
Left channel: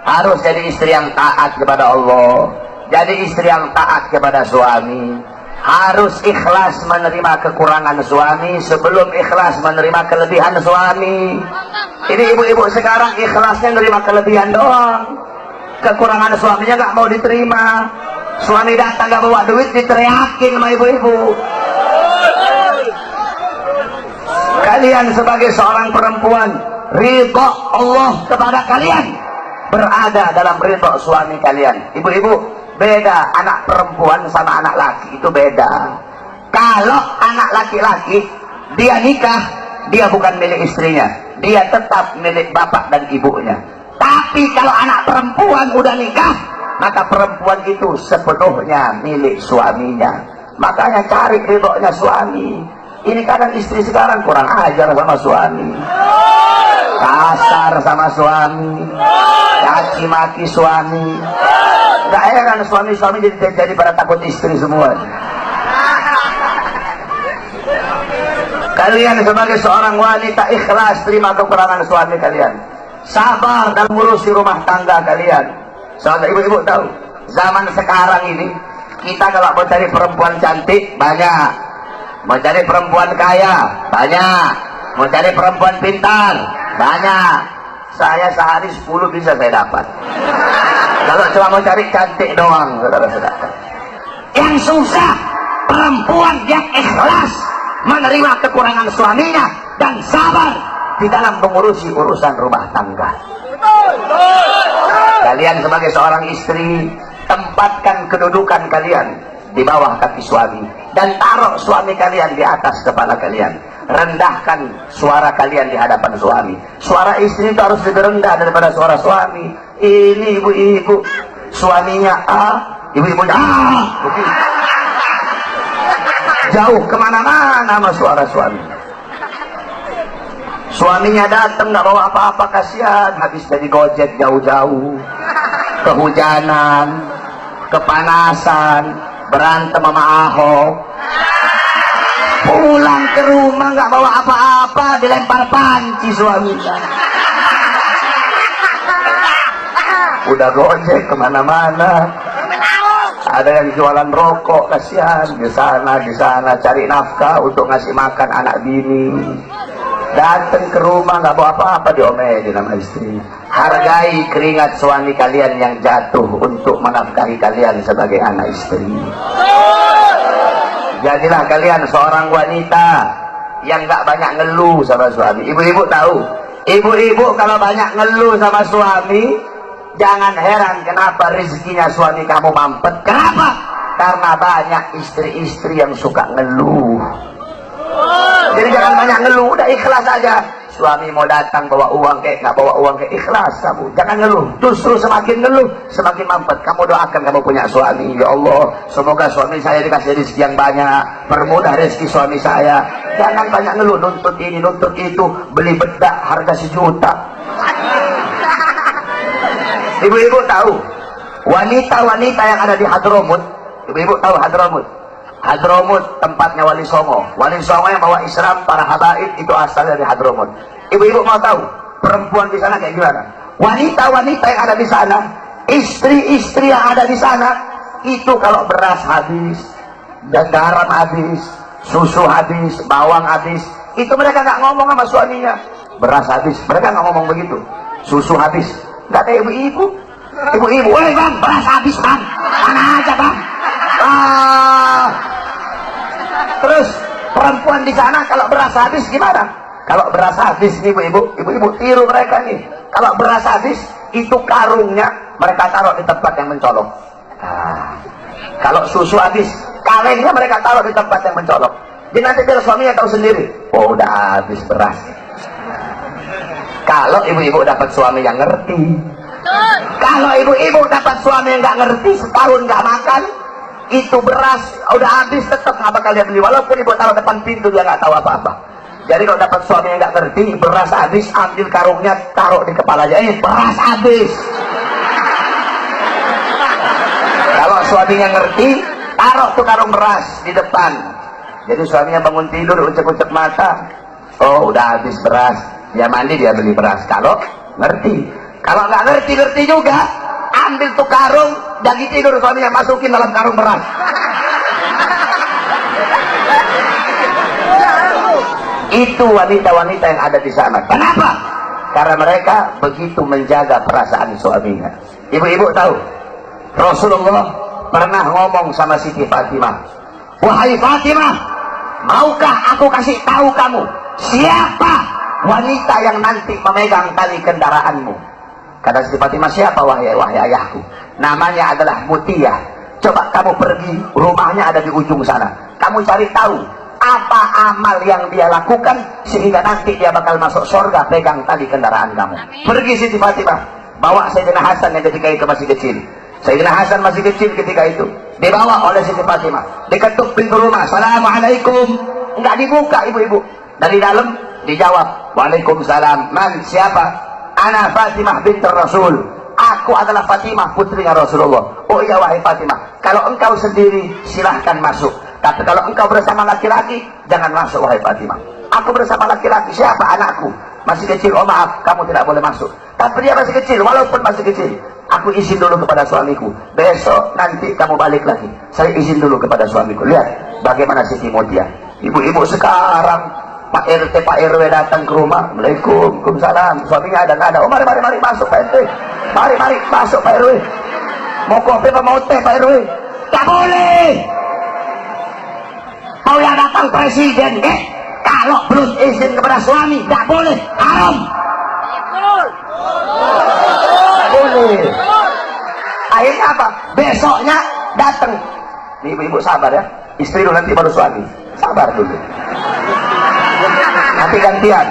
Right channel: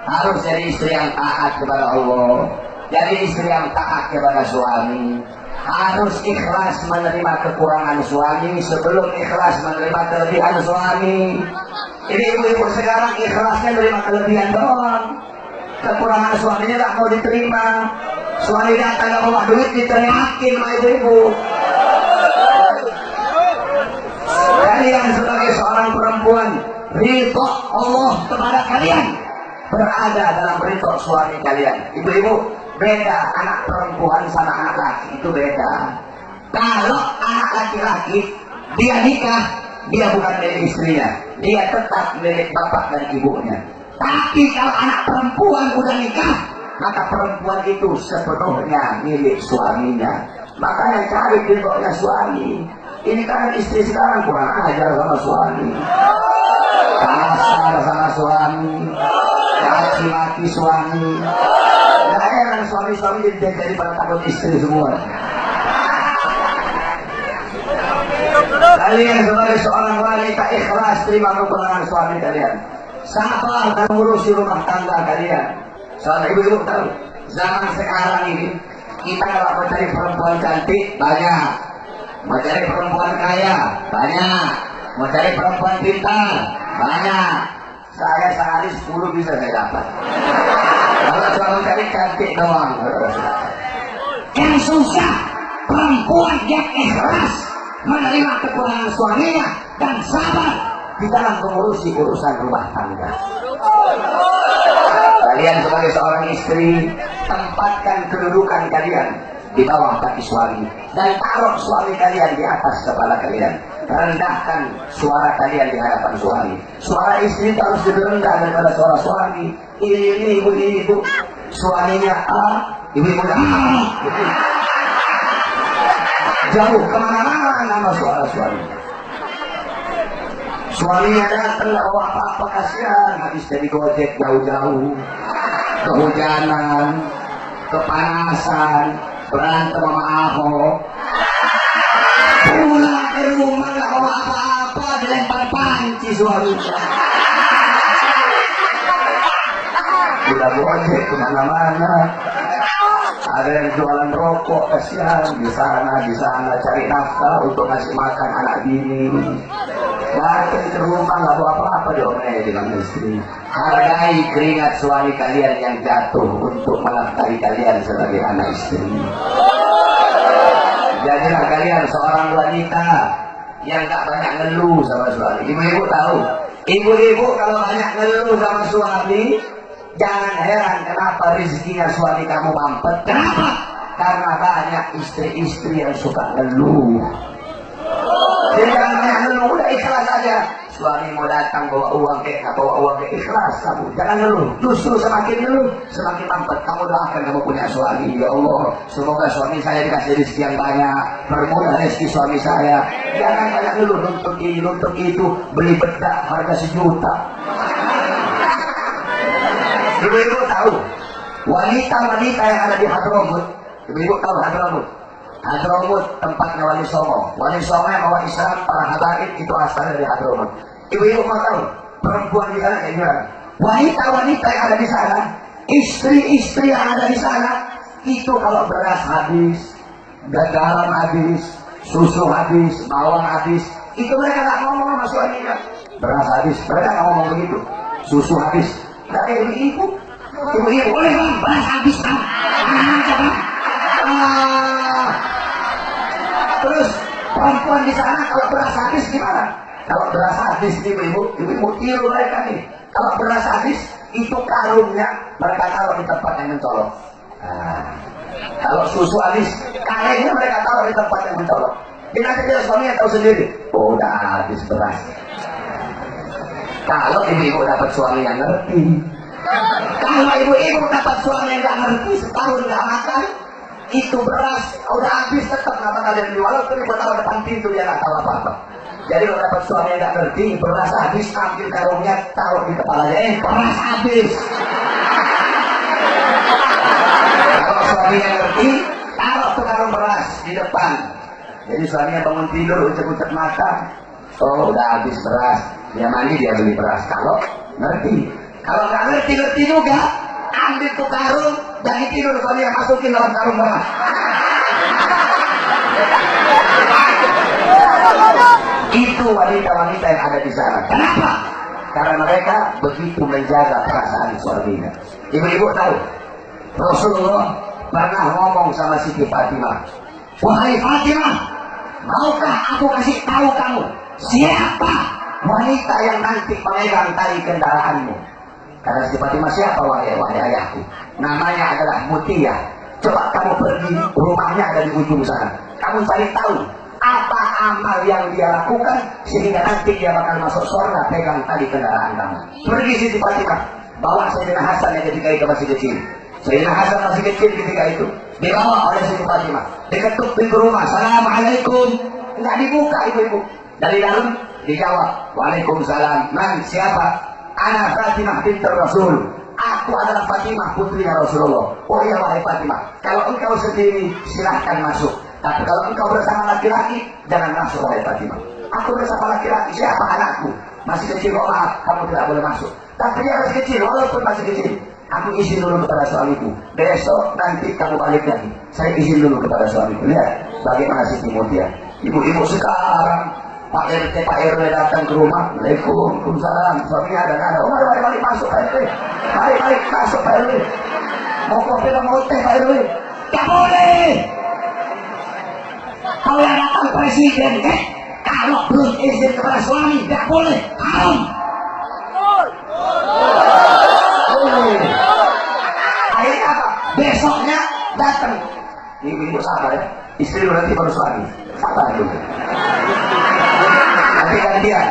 harus jadi istri yang taat kepada Allah, jadi istri yang taat kepada suami, harus ikhlas menerima kekurangan suami sebelum ikhlas menerima kelebihan suami. Ini ibu-ibu sekarang ikhlasnya menerima kelebihan doang, kekurangan suaminya nggak mau diterima. Suami datang nggak bawa duit diteriakin sama ibu-ibu. Kalian sebagai seorang perempuan, ridho Allah kepada kalian berada dalam ridho suami kalian. Ibu-ibu, beda anak perempuan sama anak laki, itu beda. Kalau anak laki-laki dia nikah, dia bukan milik istrinya, dia tetap milik bapak dan ibunya. Tapi kalau anak perempuan udah nikah, maka perempuan itu sepenuhnya milik suaminya. Makanya cari ridhonya suami. Ini kadang istri sekarang kurang ajar sama suami, kasar sama suami, caci maki suami. Gak heran suami-suami jadi pada takut istri semua. Kalian sebagai seorang wanita ikhlas terima kekurangan suami kalian, sabar dalam ngurusi rumah tangga kalian. Soalnya ibu-ibu tahu, zaman sekarang ini kita kalau mau cari perempuan cantik banyak, mau cari perempuan kaya banyak, mau cari perempuan pintar banyak. Saya sehari 10 bisa saya dapat. Kalau cuma mau cari cantik doang, saudara-saudara. Yang susah perempuan yang ikhlas menerima kekurangan suaminya dan sabar di dalam mengurusi urusan rumah tangga. Kalian sebagai seorang istri, tempatkan kedudukan kalian di bawah kaki suami dan taruh suami kalian di atas kepala kalian. Rendahkan suara kalian di hadapan suami. Suara istri itu harus lebih rendah daripada suara suami. Ini ibu-ibu, suaminya A, ibu-ibunya A, jauh kemana-mana sama suara suami. Suaminya datang nggak bawa apa-apa, kasihan, habis jadi gojek jauh-jauh, kehujanan, kepanasan, berantem sama Ahok, pulang ke rumah nggak bawa apa-apa, dilempar panci suaminya. Udah gojek kemana-mana, ada yang jualan rokok, kasihan, di sana cari nafkah untuk ngasih makan anak bini. Datang ke rumah nggak bawa apa-apa, diomelin sama istri. Hargai keringat suami kalian yang jatuh untuk menafkahi kalian sebagai anak istri. Jadilah kalian seorang wanita yang nggak banyak ngeluh sama suami. Ibu-ibu tahu, ibu-ibu kalau banyak ngeluh sama suami, jangan heran kenapa rezekinya suami kamu mampet. Kenapa? Karena banyak istri-istri yang suka ngeluh. Jadi jangan banyak ngeluh, udah ikhlas aja. Suami mau datang bawa uang kayak nggak bawa uang kayak, ikhlas kamu, jangan ngeluh. Justru semakin ngeluh semakin mampet. Kamu doakan kamu punya suami, ya Allah semoga suami saya dikasih rezeki yang banyak, permudah rezeki suami saya. Jangan banyak ngeluh, nuntut ini nuntut itu, beli bedak harga 1 juta. Ibu-ibu tahu wanita-wanita yang ada di Hadramut? Ibu-ibu tahu Hadramut? Hadramut tempatnya Wali Songo. Wali Songo yang bawa Islam, para habaib itu asalnya dari Hadramut. Ibu-ibu mau tahu perempuan di sana kayak gimana? Wanita-wanita yang ada di sana, istri-istri yang ada di sana, Itu kalau beras habis, garam habis, susu habis, bawang habis, itu mereka nggak ngomong sama suaminya. Beras habis, mereka nggak ngomong begitu. Susu habis, nggak kayak ibu-ibu. Ibu-ibu, boleh bang, beras habis bang, mana aja bang. Terus perempuan di sana kalau beras habis gimana? Kalau beras habis ibu-ibu tiru mereka nih. Kalau beras habis itu karungnya mereka taruh di tempat yang mencolok. Kalau susu habis karennya mereka taruh di tempat yang mencolok. Jadi nanti biar suaminya tahu sendiri. Oh udah habis beras. Kalau ibu-ibu dapat suami yang ngerti. Kalau ibu-ibu dapat suami yang nggak ngerti, setahun nggak makan, itu beras udah habis tetap nggak bakal dia beli. Walaupun ibu taruh depan pintu dia nggak tahu apa-apa. Jadi kalau dapat suami yang nggak ngerti, beras habis, ambil karungnya taruh di kepalanya. Beras habis. Kalau suaminya ngerti, taruh tuh karung beras di depan. Jadi suaminya bangun tidur, ucap-ucap mata. Oh udah habis beras. Dia mandi, dia beli beras. Kalau ngerti. Kalau nggak ngerti juga, ambil tuh karung, jangan tidur suaminya, masukin dalam karung beras. Itu wanita-wanita yang ada di sana. Kenapa? Karena mereka begitu menjaga perasaan suaminya. Ibu-ibu tahu, Rasulullah pernah ngomong sama Siti Fatimah, wahai Fatimah, maukah aku kasih tahu kamu siapa wanita yang nanti memegang tali kendaraanmu? Kata Siti Fatimah, siapa wahai ayahku? Namanya adalah Mutiyah. Coba kamu pergi, rumahnya ada di ujung sana. Kamu cari tahu apa amal yang dia lakukan sehingga nanti dia bakal masuk surga pegang tali kendaraan kamu. Pergi Siti Fatimah, bawa Sayyidina Hasan yang ketika itu masih kecil. Sayyidina Hasan masih kecil ketika itu, dibawa oleh Siti Fatimah, diketuk pintu rumah. Assalamualaikum. Enggak dibuka ibu-ibu. Dari dalam dijawab, waalaikumsalam. Man, siapa? Ana Fatimah binti Rasul. Aku adalah Fatimah, putrinya Rasulullah. Oh iya wahai Fatimah, kalau engkau sendiri silahkan masuk. Tapi kalau engkau bersama laki-laki, jangan masuk wahai Fatimah. Aku bersama laki-laki, siapa? Anakku. Masih kecil, oh maaf, kamu tidak boleh masuk. Tapi dia masih kecil, walaupun masih kecil, aku izin dulu kepada suamiku. Besok nanti kamu balik lagi, saya izin dulu kepada suamiku. Lihat bagaimana Siti Mutiyah. Ibu-ibu sekarang, Pak RT, Pak RW datang ke rumah, Waalaikumsalam, suaminya ada nggak ada? Oh mari masuk Pak RT, mari masuk Pak RW. Mau kopi apa mau teh Pak RW? Tak boleh. Mau yang datang presiden, kalau belum izin kepada suami, tak boleh, haram. Boleh. Akhirnya apa? Besoknya datang. Ibu-ibu sabar ya, istri dulu nanti baru suami. Sabar dulu. Nanti gantian.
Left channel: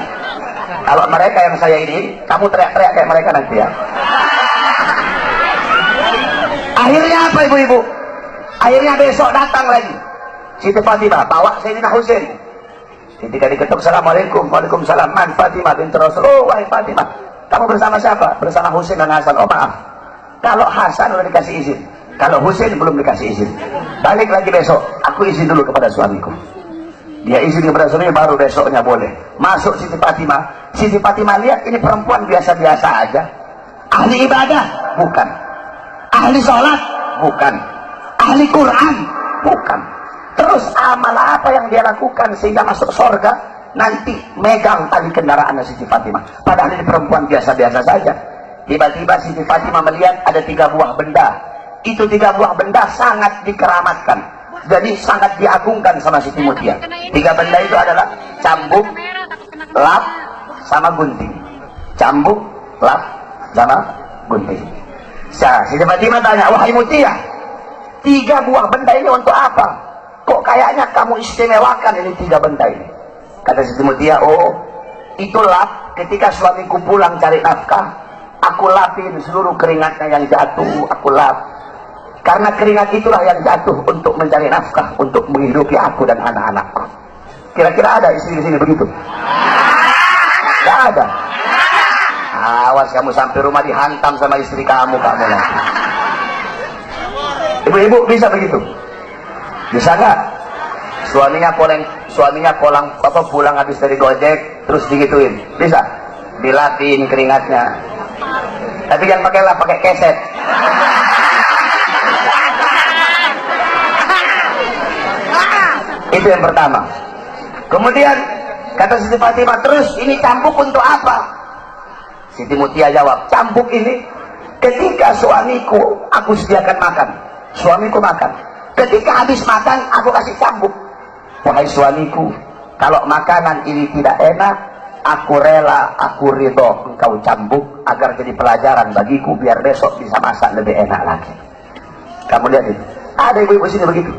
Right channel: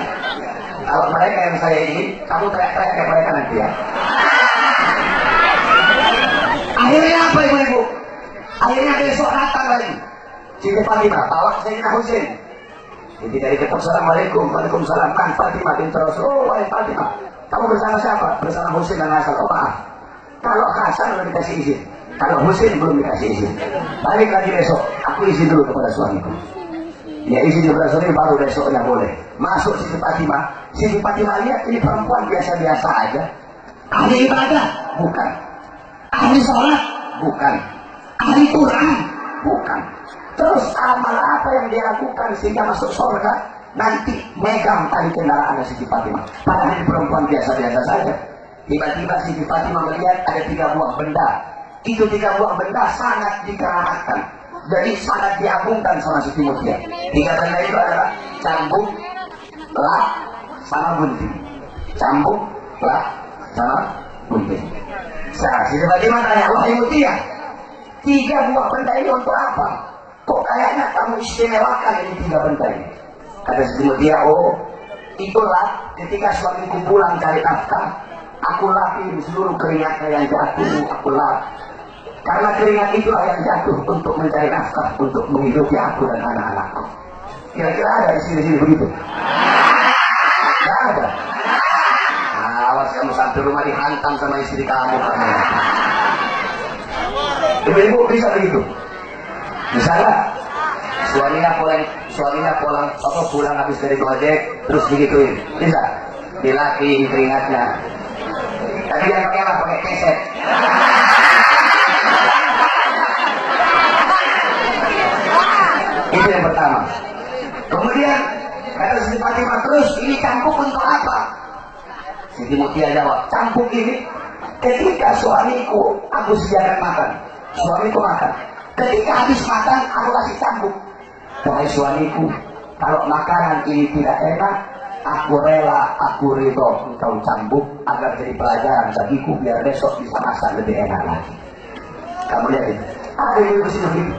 Kalau mereka yang saya ini, kamu teriak-teriak kayak mereka nanti ya. Akhirnya apa ibu-ibu? Akhirnya besok datang lagi Siti Fatimah, bawa Sayyidina Husain. Ketika diketuk, Assalamualaikum, waalaikumsalam. Man Fatimah binti Rasul. Oh wahai Fatimah, kamu bersama siapa? Bersama Husain dan Hasan. Oh maaf, kalau Hasan udah dikasih izin, kalau Husain belum dikasih izin. Balik lagi besok, aku izin dulu kepada suamiku. Dia izin kepada suami, baru besoknya boleh masuk. Siti Fatimah. Siti Fatimah lihat ini perempuan biasa-biasa aja. Ahli ibadah? Bukan. Ahli sholat? Bukan. Ahli Quran? Bukan. Terus amal apa yang dia lakukan sehingga masuk surga? Nanti megang tali kendaraan Siti Fatimah. Padahal ini perempuan biasa-biasa saja. Tiba-tiba Siti Fatimah melihat ada 3 buah benda. Itu 3 buah benda sangat dikeramatkan. Jadi sangat diagungkan sama Siti Mutiyah. 3 benda itu adalah cambuk, lap, sama gunting. Cambuk, lap, sama gunting. Siti Fatimah tanya, wahai Mutiyah, 3 buah benda ini untuk apa? Kok kayaknya kamu istimewakan ini 3 benda ini? Kata Siti Mutiyah, oh itulah ketika suamiku pulang cari nafkah, aku lapin seluruh keringatnya yang jatuh, aku lap. Karena keringat itulah yang jatuh untuk mencari nafkah, untuk menghidupi aku dan anak-anakku. Kira-kira ada istri di sini begitu? Tidak ada. Awas kamu sampai rumah dihantam sama istri kamu nanti. Ibu-ibu bisa begitu? Bisa nggak? Suaminya pulang habis dari gojek, terus digituin. Bisa? Dilatih keringatnya. Tapi jangan pakai keset. Itu yang pertama. Kemudian kata Siti Fatimah, terus ini cambuk untuk apa? Siti Mutia jawab, cambuk ini ketika suamiku aku sediakan makan, suamiku makan. Ketika habis makan aku kasih cambuk. Wahai suamiku, kalau makanan ini tidak enak, aku rela, aku ridho engkau cambuk agar jadi pelajaran bagiku biar besok bisa masak lebih enak lagi. Kamu lihat itu, ada ibu-ibu sini begitu.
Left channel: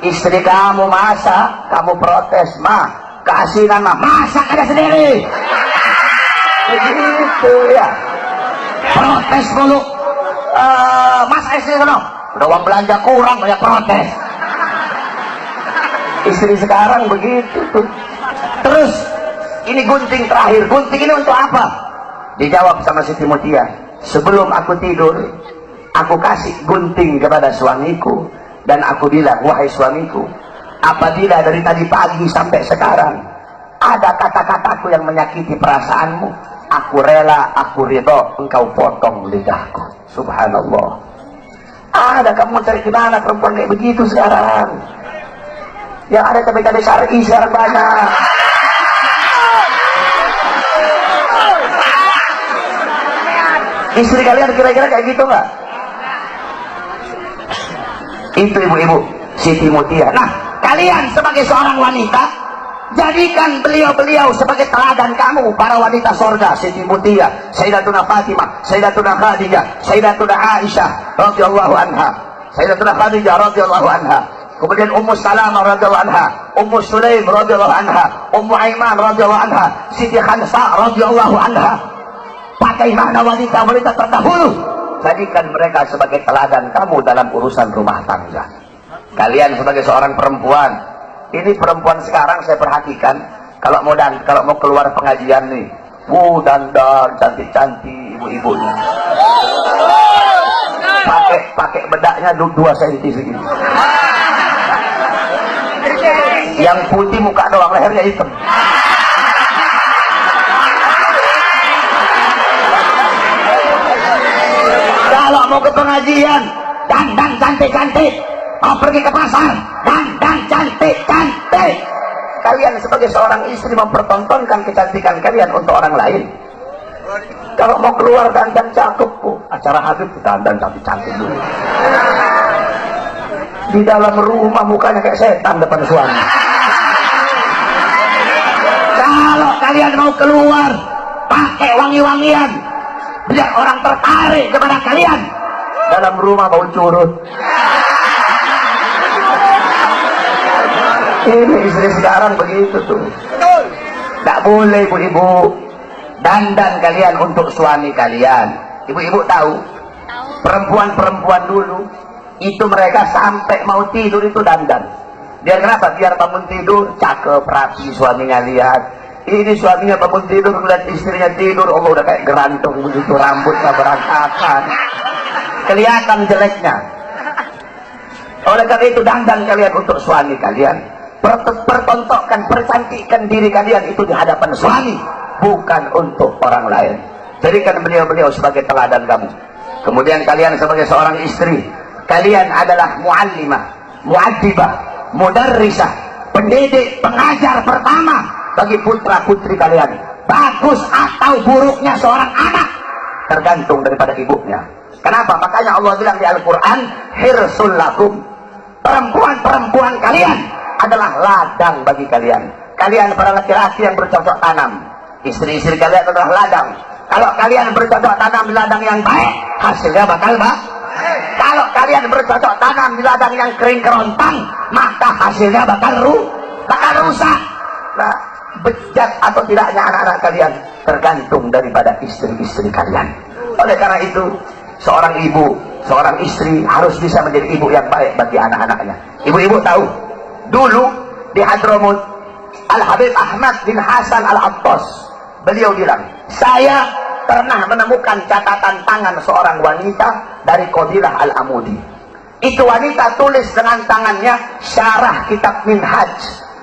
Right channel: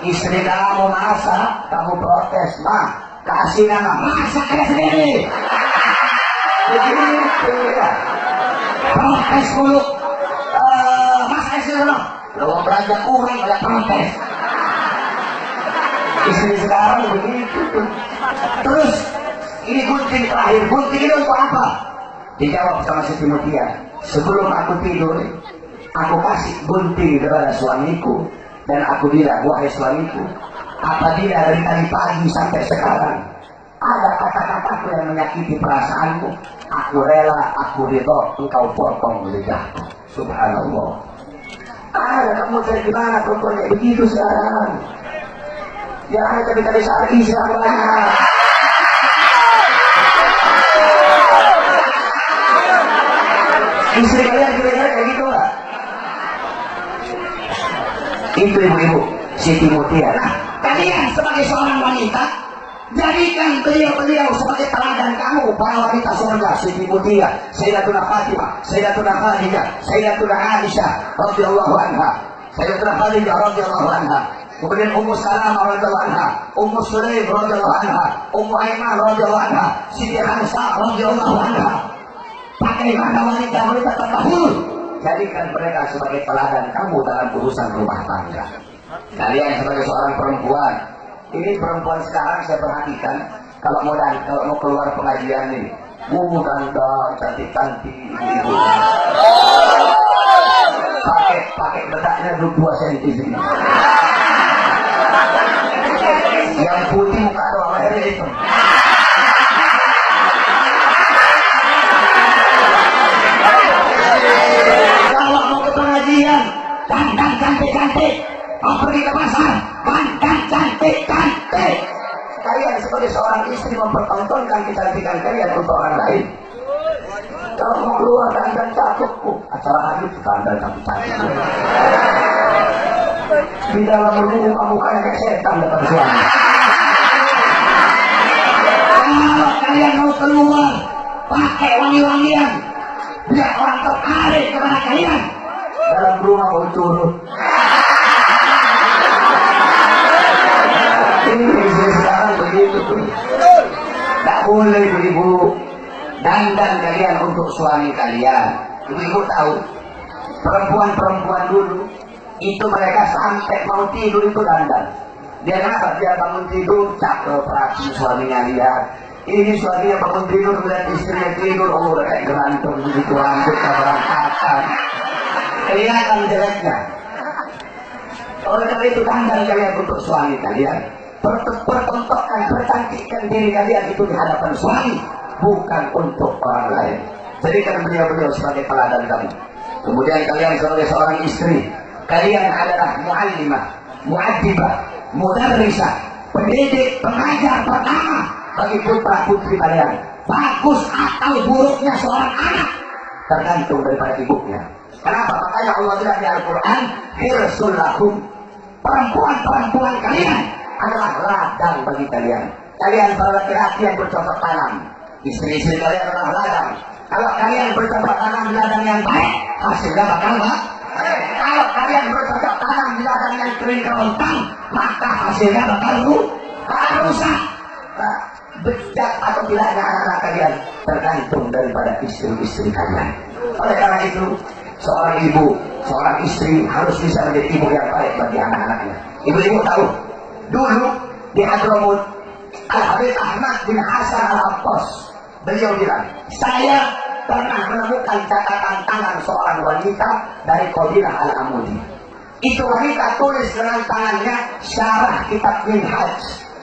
Istri kamu masak, kamu protes, mah keasinan mah masak aja sendiri. Begitu ya. Protes dulu. Masak istri dulu. Udah uang belanja kurang banyak protes. Istri sekarang begitu tuh. Terus ini gunting terakhir. Gunting ini untuk apa? Dijawab sama Siti Mutia, sebelum aku tidur aku kasih gunting kepada suamiku dan aku bilang, wahai suamiku, apabila dari tadi pagi sampai sekarang ada kata-kataku yang menyakiti perasaanmu, aku rela, aku ridho engkau potong lidahku. Subhanallah. Ada kamu cari kemana perempuan kayak begitu sekarang? Yang ada cabai-cabai syar'i sekarang banyak. Istri kalian kira-kira kayak gitu nggak? Itu ibu-ibu Siti Mutia. Nah, kalian sebagai seorang wanita, jadikan beliau-beliau sebagai teladan kamu, para wanita surga. Siti Mutia, Sayyidatuna Fatimah, Sayyidatuna Khadijah, Sayyidatuna Aisyah radhiyallahu anha, Sayyidatuna Khadijah radhiyallahu anha. Kemudian Ummu Salamah radhiyallahu anha, Ummu Sulaim radhiyallahu anha, Ummu Aiman radhiyallahu anha, Siti Khansah radhiyallahu anha. Bagaimana wanita-wanita terdahulu? Jadikan mereka sebagai teladan kamu dalam urusan rumah tangga. Kalian sebagai seorang perempuan, ini perempuan sekarang saya perhatikan, kalau mau keluar pengajian nih, dandan cantik-cantik ibu-ibu. Pakai bedaknya 2 cm segini. Yang putih muka doang, lehernya hitam. Kalau mau ke pengajian, dandan cantik-cantik. Mau pergi ke pasar, dandan cantik-cantik. Kalian sebagai seorang istri mempertontonkan kecantikan kalian untuk orang lain. Kalau mau keluar dandan cakep, acara Habib dandan cantik-cantik. Di dalam rumah mukanya kayak setan depan suami. Kalau kalian mau keluar, pakai wangi-wangian, biar orang tertarik kepada kalian. Dalam rumah bau curut. Ini istri sekarang begitu tuh. Tak boleh ibu-ibu dandan kalian untuk suami kalian. Ibu-ibu tahu, perempuan-perempuan dulu itu mereka sampai mau tidur itu dandan. Dia kenapa? Biar bangun tidur cakep, rapi, suaminya lihat. Ini suaminya bangun tidur melihat istrinya tidur, Allah udah kayak gerantung begitu, rambutnya berantakan, kelihatan jeleknya. Oleh karena itu dandan kalian untuk suami kalian. Pertontonkan, percantikkan diri kalian itu di hadapan suami, bukan untuk orang lain. Jadikan beliau-beliau sebagai teladan kamu. Kemudian kalian sebagai seorang istri, kalian adalah muallimah, muaddibah, mudarrisah, pendidik, pengajar pertama bagi putra putri kalian. Bagus atau buruknya seorang anak tergantung daripada ibunya. Kenapa? Makanya Allah bilang di Al-Quran, hirsul lakum, perempuan-perempuan kalian adalah ladang bagi kalian. Kalian para laki-laki yang bercocok tanam, istri-istri kalian adalah ladang. Kalau kalian bercocok tanam di ladang yang baik, hasilnya bakal baik. Kalau kalian bercocok tanam di ladang yang kering kerontang, maka hasilnya bakal rusak. Nah, bejat atau tidaknya anak-anak kalian tergantung daripada istri-istri kalian. Oleh karena itu, seorang ibu, seorang istri harus bisa menjadi ibu yang baik bagi anak-anaknya. Ibu-ibu tahu, dulu di Hadramut, Al-Habib Ahmad bin Hasan Al-Attas, beliau bilang, saya pernah menemukan catatan tangan seorang wanita dari Qabilah Al-Amudi. Itu wanita tulis dengan tangannya syarah kitab Minhaj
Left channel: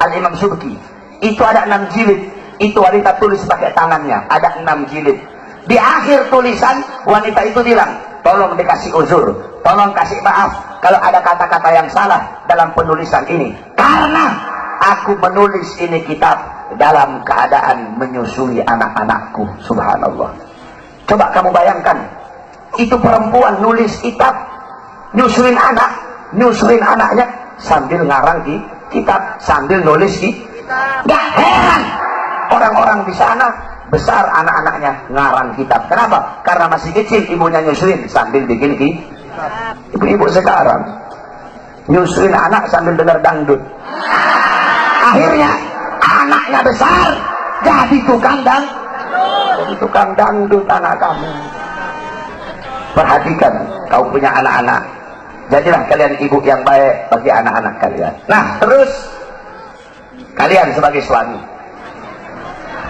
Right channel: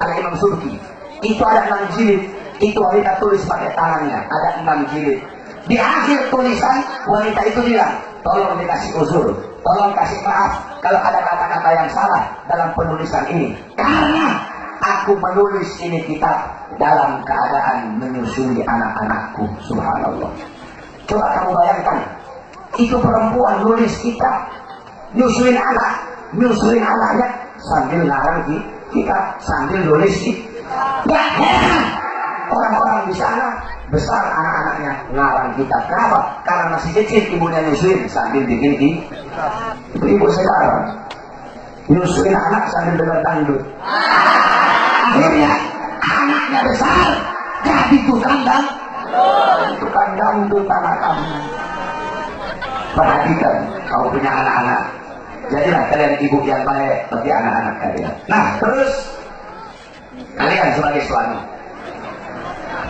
Al-Imam Subki. Itu ada 6 jilid. Itu wanita tulis pakai tangannya, ada 6 jilid. Di akhir tulisan wanita itu bilang, tolong dikasih uzur, tolong kasih maaf kalau ada kata-kata yang salah dalam penulisan ini, karena aku menulis ini kitab dalam keadaan menyusui anak-anakku. Subhanallah. Coba kamu bayangkan, itu perempuan nulis kitab, nyusuin anaknya sambil ngarang di kitab, sambil nulis di. Gak heran orang-orang di sana besar anak-anaknya ngarang kitab. Kenapa? Karena masih kecil ibunya nyusuin sambil bikin kitab. Ibu-ibu sekarang nyusuin anak sambil dengar dangdut. Akhirnya anaknya besar jadi tukang dangdut anak kamu. Perhatikan, kau punya anak-anak, jadilah kalian ibu yang baik bagi anak-anak kalian. Nah, terus kalian sebagai suami,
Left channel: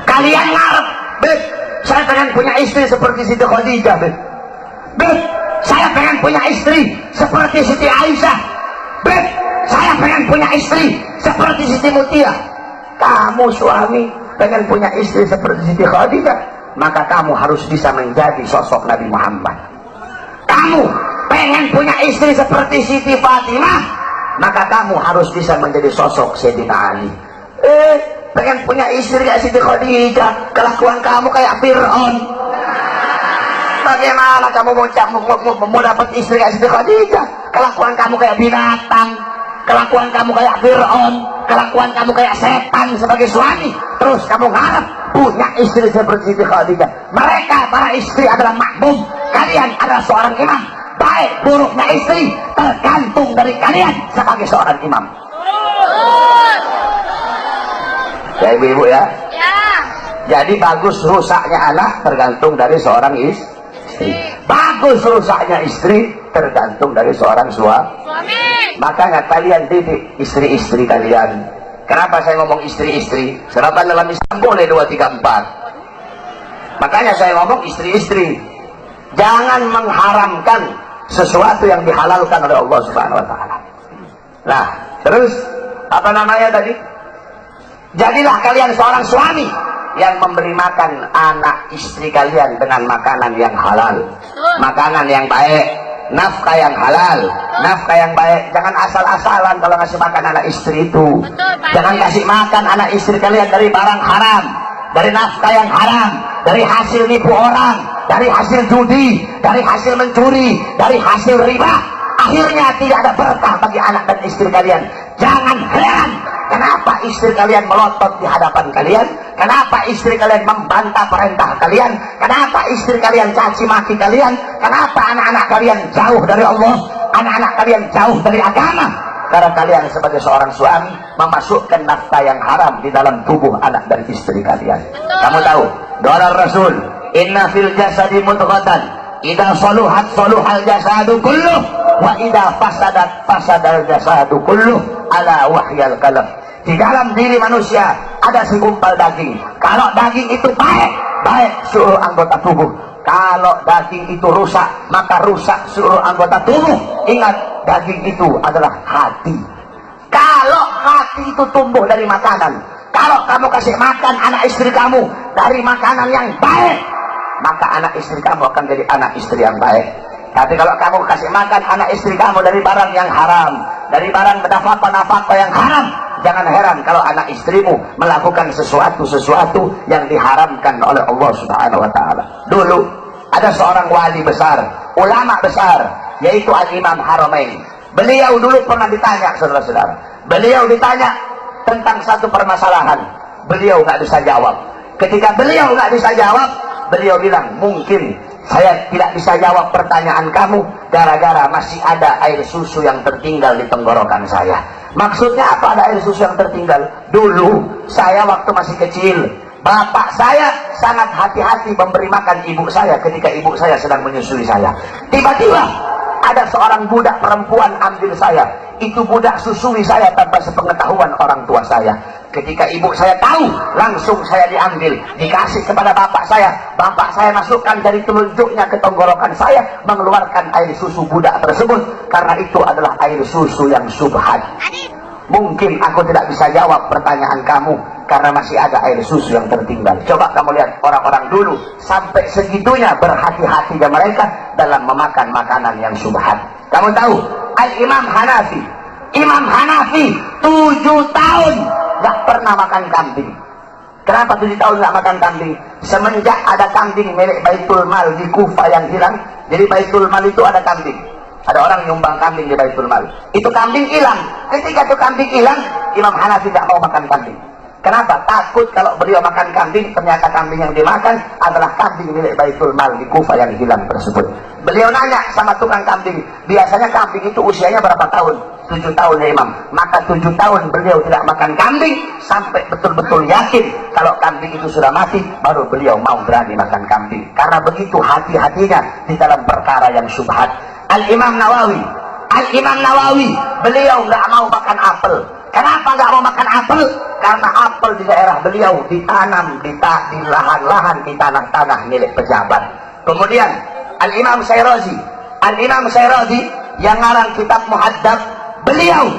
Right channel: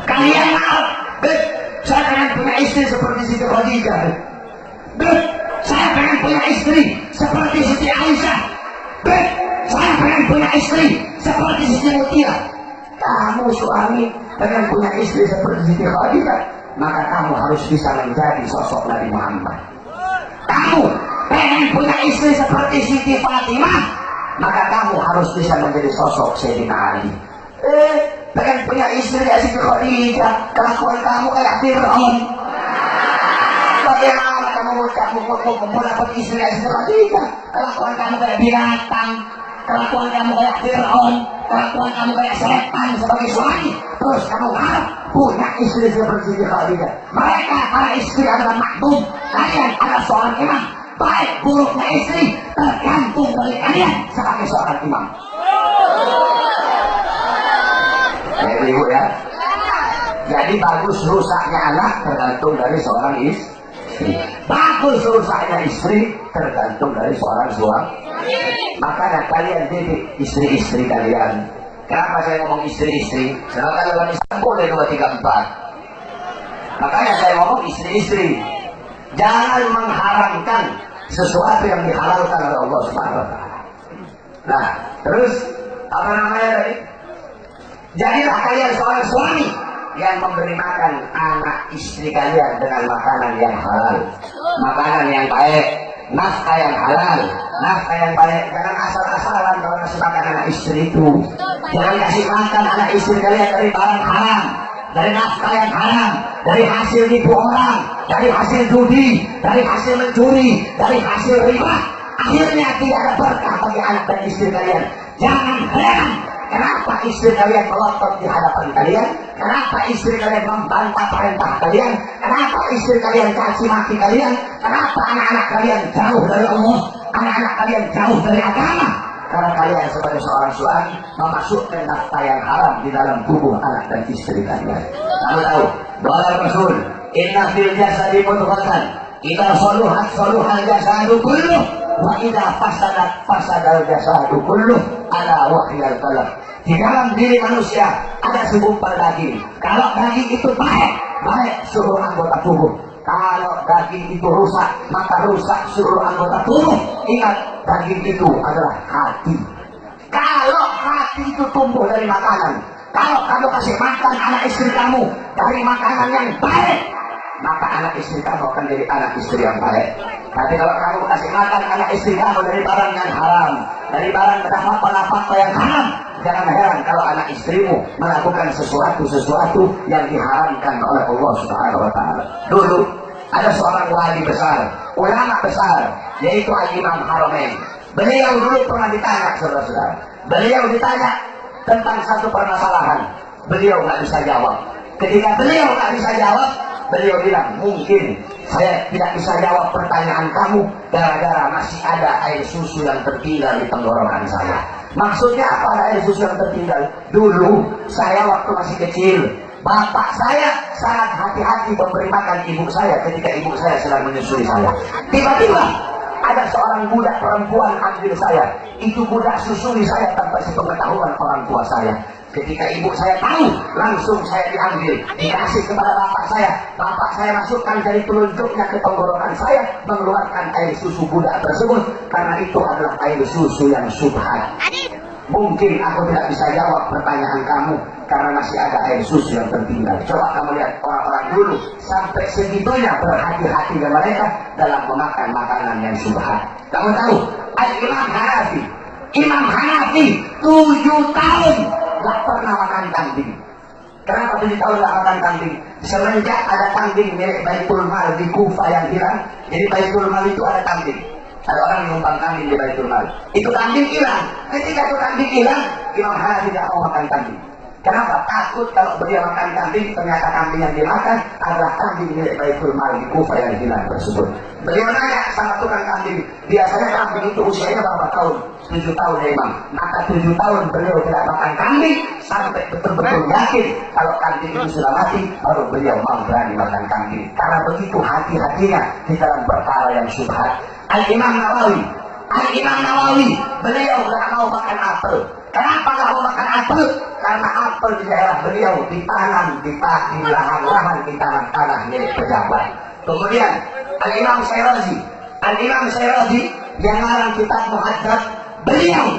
kalian ngarep, Beb, saya pengen punya istri seperti Siti Khadijah, Beb, saya pengen punya istri seperti Siti Aisyah, Beb, saya pengen punya istri seperti Siti Mutia. Kamu suami pengen punya istri seperti Siti Khadijah, maka kamu harus bisa menjadi sosok Nabi Muhammad. Kamu pengen punya istri seperti Siti Fatimah, maka kamu harus bisa menjadi sosok Sayyidina Ali. Pengen punya istri kayak Siti Khadijah, kelakuan kamu kayak Fir'aun. Bagaimana kamu mau dapat istri kayak Siti Khadijah? Kelakuan kamu kayak binatang, kelakuan kamu kayak Fir'aun, kelakuan kamu kayak setan sebagai suami. Terus kamu ngarep punya istri seperti Siti Khadijah. Mereka para istri adalah makmum, kalian adalah seorang imam. Baik buruknya istri tergantung dari kalian sebagai seorang imam. Ya ibu ya. Jadi bagus rusaknya anak tergantung dari seorang istri. Bagus rusaknya istri tergantung dari seorang suami. Makanya kalian didik istri-istri kalian. Kenapa saya ngomong istri-istri? Kenapa dalam Islam boleh 2, 3, 4? Makanya saya ngomong istri-istri. Jangan mengharamkan sesuatu yang dihalalkan oleh Allah Subhanahu wa taala. Nah, terus apa namanya tadi? Jadilah kalian seorang suami yang memberi makan anak istri kalian dengan makanan yang halal, makanan yang baik, nafkah yang halal, nafkah yang baik. Jangan asal-asalan kalau ngasih makan anak istri itu. Jangan kasih makan anak istri kalian dari barang haram, dari nafkah yang haram, dari hasil nipu orang, dari hasil judi, dari hasil mencuri, dari hasil riba. Akhirnya tidak ada berkah bagi anak dan istri kalian. Jangan heran kenapa istri kalian melotot di hadapan kalian, kenapa istri kalian membantah perintah kalian, kenapa istri kalian caci maki kalian, kenapa anak-anak kalian jauh dari Allah, anak-anak kalian jauh dari agama. Karena kalian sebagai seorang suami memasukkan nafkah yang haram di dalam tubuh anak dan istri kalian. Kamu tahu doa Rasul, inna fil jasadi mudghatan idza saluhat saluhal jasadu kulluh wa idza fasadat fasadal jasadu kulluh ala wahyal qalb. Di dalam diri manusia ada segumpal daging. Kalau daging itu baik, baik seluruh anggota tubuh. Kalau daging itu rusak, maka rusak seluruh anggota tubuh. Ingat, daging itu adalah hati. Kalau hati itu tumbuh dari makanan, kalau kamu kasih makan anak istri kamu dari makanan yang baik, maka anak istri kamu akan jadi anak istri yang baik. Tapi kalau kamu kasih makan anak istri kamu dari barang yang haram, dari barang nafkah yang haram, jangan heran kalau anak istrimu melakukan sesuatu yang diharamkan oleh Allah Subhanahu wa taala. Dulu ada seorang wali besar, ulama besar, yaitu Al-Imam Haramain. Beliau dulu pernah ditanya, saudara-saudara. Beliau ditanya tentang satu permasalahan. Beliau nggak bisa jawab. Ketika beliau nggak bisa jawab, beliau bilang, mungkin saya tidak bisa jawab pertanyaan kamu gara-gara masih ada air susu yang tertinggal di tenggorokan saya. Maksudnya apa ada air susu yang tertinggal? Dulu saya waktu masih kecil, bapak saya sangat hati-hati memberi makan ibu saya ketika ibu saya sedang menyusui saya. Tiba-tiba ada seorang budak perempuan ambil saya. Itu budak susui saya tanpa sepengetahuan orang tua saya. Ketika ibu saya tahu, langsung saya diambil, dikasih kepada bapak saya. Bapak saya masukkan dari telunjuknya ke tenggorokan saya, mengeluarkan air susu budak tersebut. Karena itu adalah air susu yang subhat. Mungkin aku tidak bisa jawab pertanyaan kamu karena masih ada air susu yang tertinggal. Coba kamu lihat orang-orang dulu sampai segitunya berhati-hatinya mereka dalam memakan makanan yang subhat. Kamu tahu Al-Imam Hanafi. Imam Hanafi 7 tahun gak pernah makan kambing. Kenapa 7 tahun gak makan kambing? Semenjak ada kambing milik Baitul Mal di Kufah yang hilang. Jadi Baitul Mal itu ada kambing. Ada orang nyumbang kambing di Baitul Mal. Itu kambing hilang. Ketika itu kambing hilang, Imam Hanafi gak mau makan kambing. Kenapa? Takut kalau beliau makan kambing, ternyata kambing yang dimakan adalah kambing milik Baitul Mal di Kufah yang hilang tersebut. Beliau nanya sama tukang kambing, biasanya kambing itu usianya berapa tahun? 7 tahun ya Imam. Maka 7 tahun beliau tidak makan kambing sampai betul-betul yakin kalau kambing itu sudah mati, baru beliau mau berani makan kambing. Karena begitu hati-hatinya di dalam perkara yang syubhat. Al-Imam Nawawi, beliau nggak mau makan apel. Kenapa nggak mau makan apel? Karena apel di daerah beliau ditanam di lahan-lahan di tanah-tanah milik pejabat. Kemudian Al-Imam Syirazi yang ngarang kitab Muhaddab, beliau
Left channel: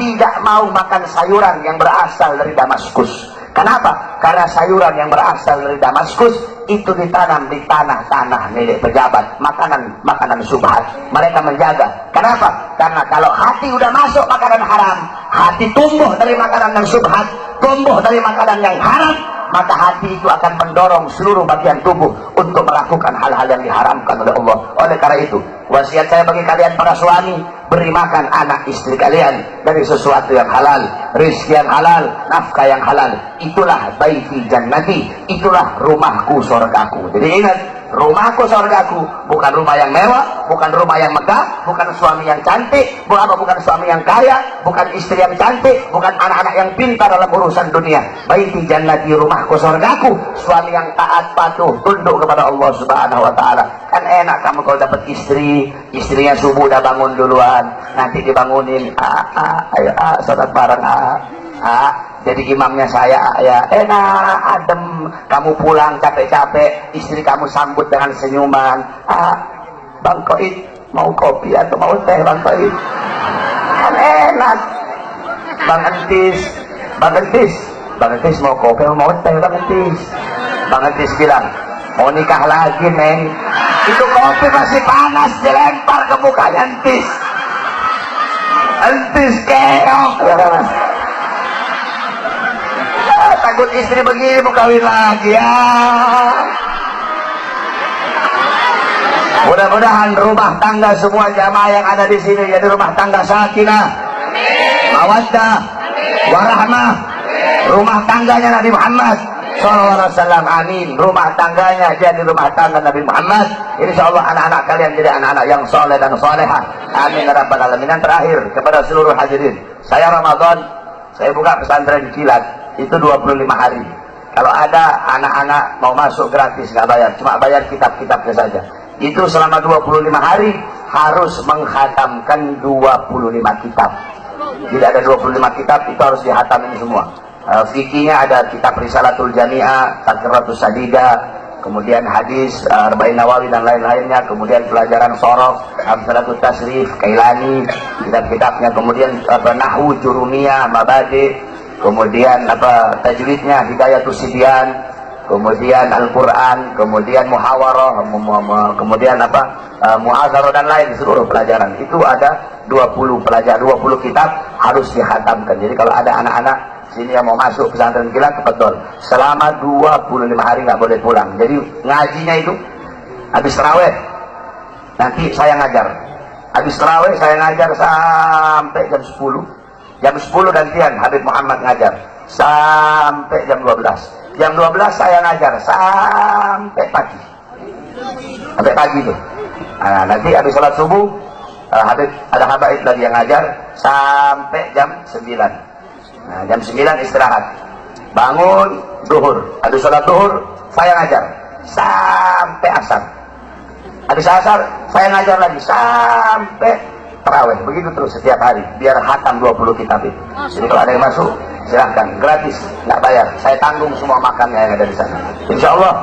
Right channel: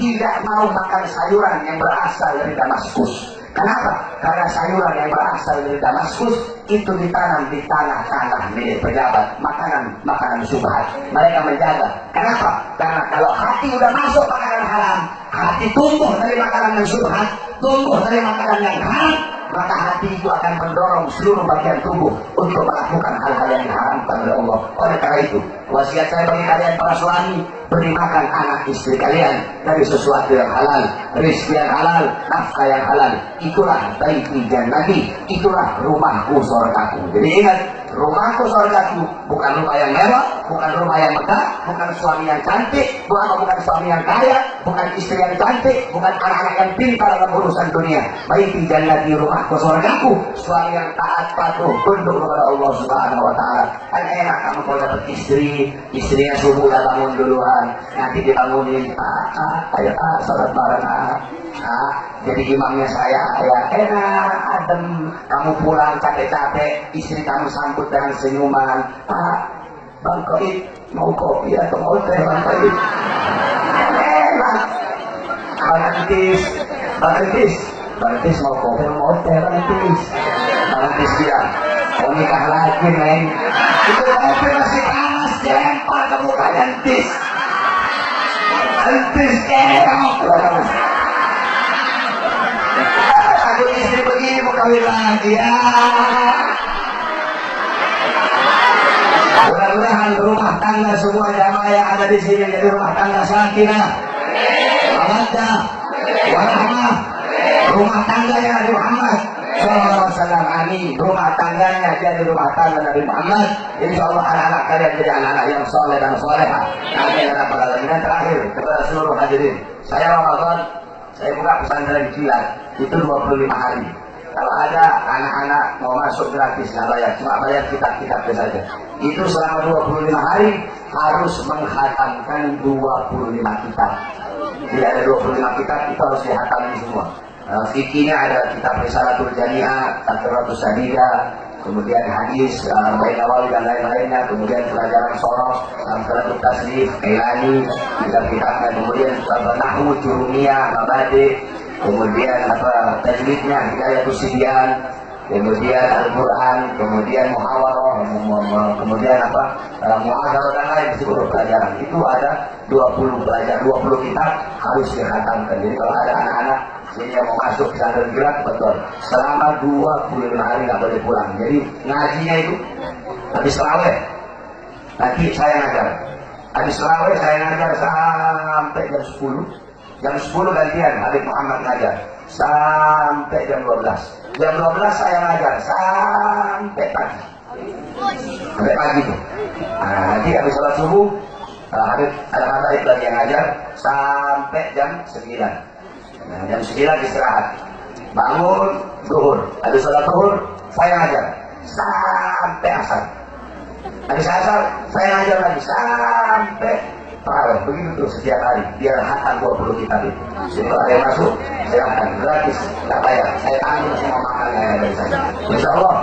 tidak mau makan sayuran yang berasal dari Damaskus. Kenapa? Karena sayuran yang berasal dari Damaskus itu ditanam di tanah-tanah milik pejabat, makanan subhat. Mereka menjaga. Kenapa? Karena kalau hati udah masuk makanan haram, hati tumbuh dari makanan yang subhat, tumbuh dari makanan yang haram, maka hati itu akan mendorong seluruh bagian tubuh untuk melakukan hal-hal yang diharamkan oleh Allah. Oleh karena itu, wasiat saya bagi kalian para suami, beri makan anak istri kalian dari sesuatu yang halal, rezeki yang halal, nafkah yang halal. Itulah baiti jannati, itulah rumahku surgaku. Jadi ingat, rumahku surgaku bukan rumah yang mewah, bukan rumah yang megah, bukan suami yang cantik, bukan suami yang kaya, bukan istri yang cantik, bukan anak-anak yang pintar dalam urusan dunia. Baiti jannati, rumahku surgaku, suami yang taat patuh tunduk kepada Allah Subhanahu wa taala. Kan enak kamu kalau dapat istrinya subuh udah bangun duluan, nanti dibangunin, ayo sholat bareng, jadi imamnya saya, ya enak, adem. Kamu pulang capek-capek, istri kamu sambut dengan senyuman. Bang Koid, mau kopi atau mau teh Bang Koid? Kan enak. Bang Entis mau kopi atau mau teh Bang Entis? Bang Entis bilang, mau nikah lagi Neng. Itu kopi masih panas, dilempar ke mukanya Entis. Entis keok. Takut istri begini mau kawin lagi ya. Mudah-mudahan rumah tangga semua jamaah yang ada di sini jadi rumah tangga sakinah, mawaddah, warahmah. Rumah tangganya Nabi Muhammad SAW, amin. Rumah tangganya jadi rumah tangga Nabi Muhammad. Insyaallah anak-anak kalian jadi anak-anak yang soleh dan solehah, amin ya rabbal alamin. Dan terakhir kepada seluruh hadirin, saya Ramadan saya buka pesantren kilat itu 25 hari. Kalau ada anak-anak mau masuk gratis, nggak bayar, cuma bayar kitab-kitabnya saja. Itu selama 25 hari harus menghatamkan 25 kitab. Tidak ada 25 kitab, itu harus dihatamin semua. Fikihnya ada kitab Risalatul Jami'ah, Tadkiratus Sadidah, kemudian hadis, Arba'in Nawawi dan lain-lainnya, kemudian pelajaran Sorof, Amsalatul Tasrif, Kailani, kitab-kitabnya, kemudian Nahwu, Jurumiyah, Mabadi, kemudian tajwidnya Hidayatus Sibyan, kemudian Al-Quran, kemudian Muhawarah, kemudian Mu'adzarah dan lain seluruh pelajaran. Itu ada 20 pelajaran, 20 kitab harus dihatamkan. Jadi kalau ada anak-anak sini yang mau masuk pesantren kilat, betul, selama 25 hari nggak boleh pulang. Jadi ngajinya itu habis tarawih nanti saya ngajar, habis tarawih saya ngajar sampai jam 10. Jam 10 gantian Habib Muhammad ngajar sampai jam 12. Jam 12 saya ngajar sampai pagi. Sampai pagi tuh. Nah, nanti habis sholat subuh Habib ada habaib lagi yang ngajar sampai jam 9. Nah, jam 9 istirahat. Bangun duhur. Habis sholat duhur saya ngajar sampai asar. Habis asar saya ngajar lagi sampai terawih. Begitu terus setiap hari biar hatam 20 kitab itu. Jadi kalau ada yang masuk silahkan, gratis, nggak bayar, saya tanggung semua makannya yang ada di sana. Insyaallah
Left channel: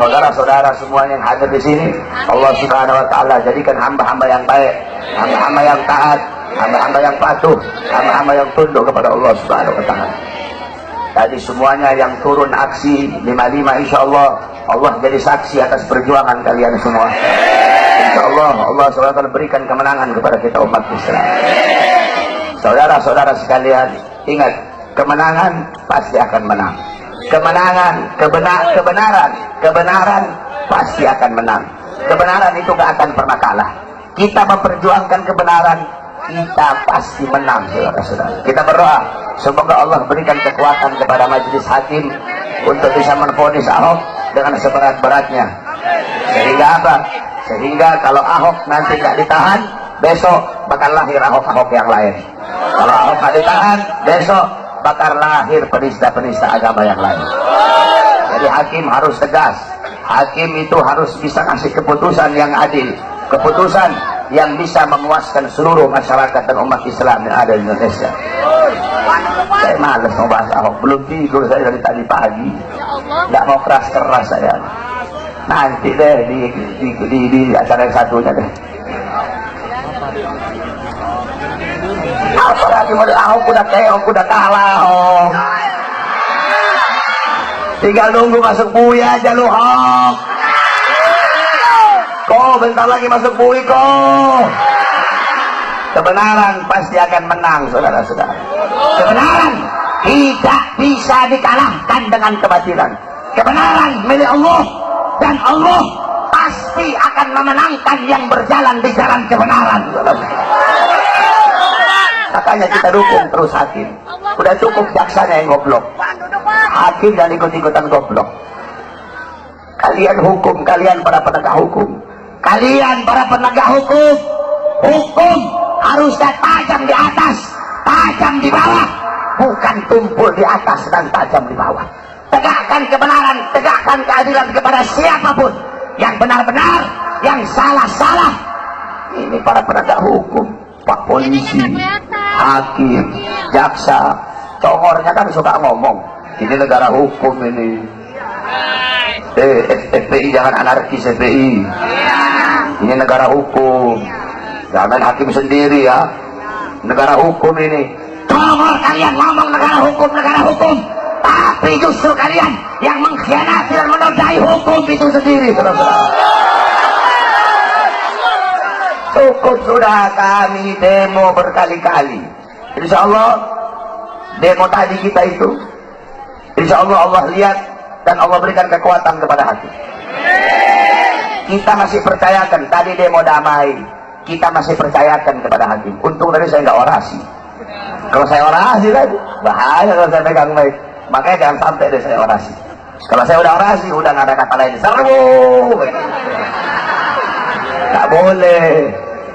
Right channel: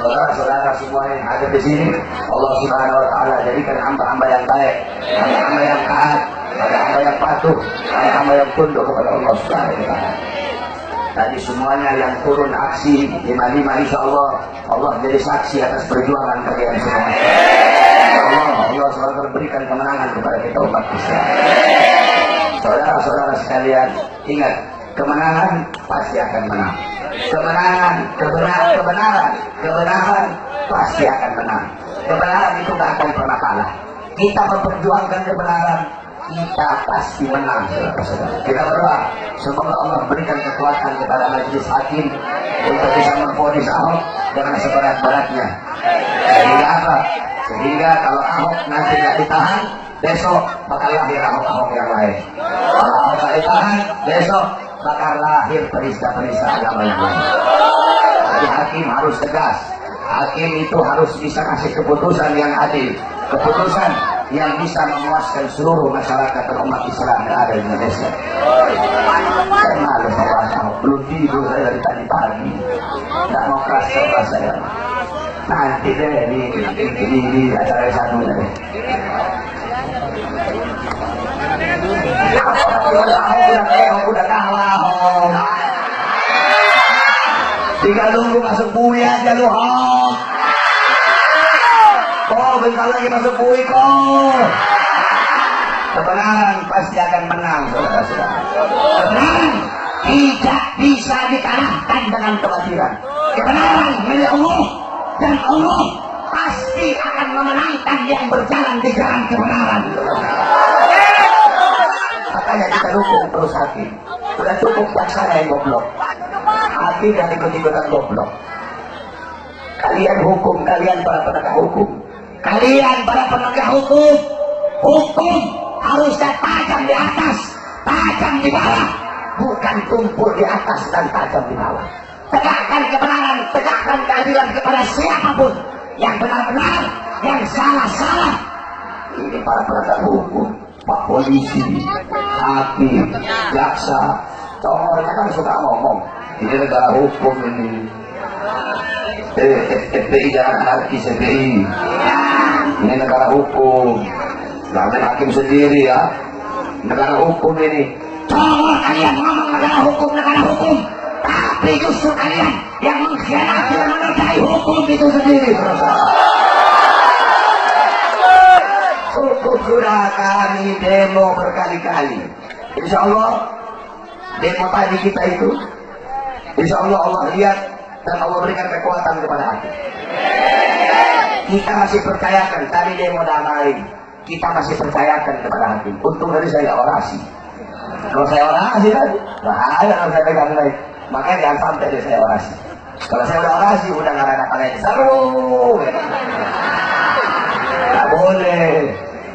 saudara-saudara semua yang hadir di sini, Allah Subhanahu wa taala jadikan hamba-hamba yang baik, hamba-hamba yang taat, hamba-hamba yang patuh, hamba-hamba yang tunduk kepada Allah Subhanahu wa taala. Tadi semuanya yang turun aksi 55, insyaallah Allah jadi saksi atas perjuangan kalian semua. Allah SWT berikan kemenangan kepada kita umat Islam. Saudara-saudara sekalian, ingat, kemenangan pasti akan menang. Kemenangan, kebenaran pasti akan menang. Kebenaran itu gak akan pernah kalah. Kita memperjuangkan kebenaran, kita pasti menang, saudara-saudara. Kita berdoa, semoga Allah berikan kekuatan kepada majelis hakim untuk bisa menvonis Ahok dengan seberat-beratnya. Sehingga apa? Sehingga kalau Ahok nanti gak ditahan, besok bakal lahir Ahok-Ahok yang lain. Kalau Ahok gak ditahan, besok bakal lahir penista-penista agama yang lain. Jadi hakim harus tegas. Hakim itu harus bisa kasih keputusan yang adil, keputusan yang bisa memuaskan seluruh masyarakat dan umat Islam yang ada di Indonesia. Saya malas membahas Ahok, belum tidur saya dari tadi pagi, tidak mau keras-keras saya. Nanti deh di acara yang satunya deh. Apalagi model Ahok udah keok, udah kalah Ahok. Tinggal nunggu masuk bui aja lu Ahok. Kok bentar lagi masuk bui kok. Kebenaran pasti akan menang, saudara-saudara. Kebenaran tidak bisa dikalahkan dengan kebatilan. Kebenaran milik Allah, dan Allah pasti akan memenangkan yang berjalan di jalan kebenaran. Makanya kita dukung terus hakim. Udah cukup jaksanya yang goblok, hakim dan ikut-ikutan goblok. Kalian hukum, kalian para penegak hukum, kalian para penegak hukum, hukum harusnya tajam di atas, tajam di bawah, bukan tumpul di atas dan tajam di bawah. Tegakkan kebenaran, tegakkan keadilan kepada siapapun, yang benar-benar, yang salah-salah. Ini para penegak hukum, Pak Polisi, hakim, jaksa, congornya kan suka ngomong, ini negara hukum ini. FPI jangan anarkis, FPI. Ini negara hukum, jangan hakim sendiri ya. Negara hukum ini. Congor kalian ngomong negara hukum, tapi justru kalian yang mengkhianati dan menodai hukum itu sendiri, saudara-saudara. Cukup sudah, kami demo berkali-kali. Insya Allah demo tadi kita itu, insya Allah Allah lihat dan Allah berikan kekuatan kepada hati. Kita masih percayakan, tadi demo damai, kita masih percayakan kepada hakim. Untung tadi saya nggak orasi. Kalau saya orasi kan bahaya kalau saya pegang mic. Makanya jangan sampai deh saya orasi. Kalau saya udah orasi, udah nggak ada kata lain. Serbu, nggak boleh.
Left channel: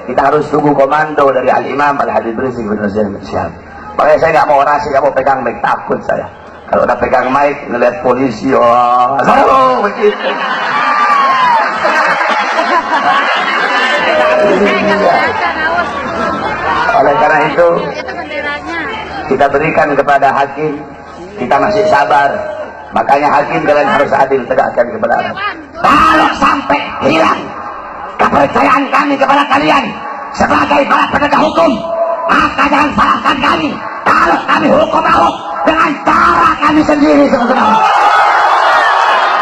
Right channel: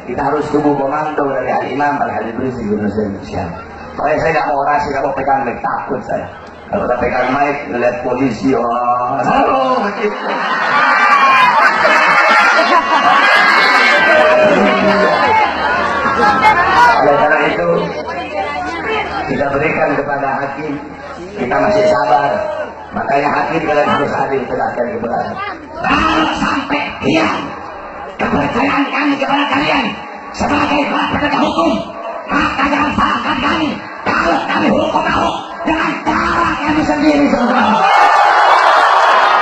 Kita harus tunggu komando dari Al-Imam Al-Habib Rizik bin Syihab. Makanya saya nggak mau orasi, nggak mau pegang mic, takut saya. Kalau udah pegang mic, ngeliat polisi, oh, begitu. Oleh karena itu, kita berikan kepada hakim, kita masih sabar. Makanya hakim kalian harus adil, tegakkan kebenaran. Kalau sampai hilang kepercayaan kami kepada kalian sebagai para penegak hukum, maka jangan salahkan kami kalau kami hukum Ahok dengan cara kami sendiri, saudara.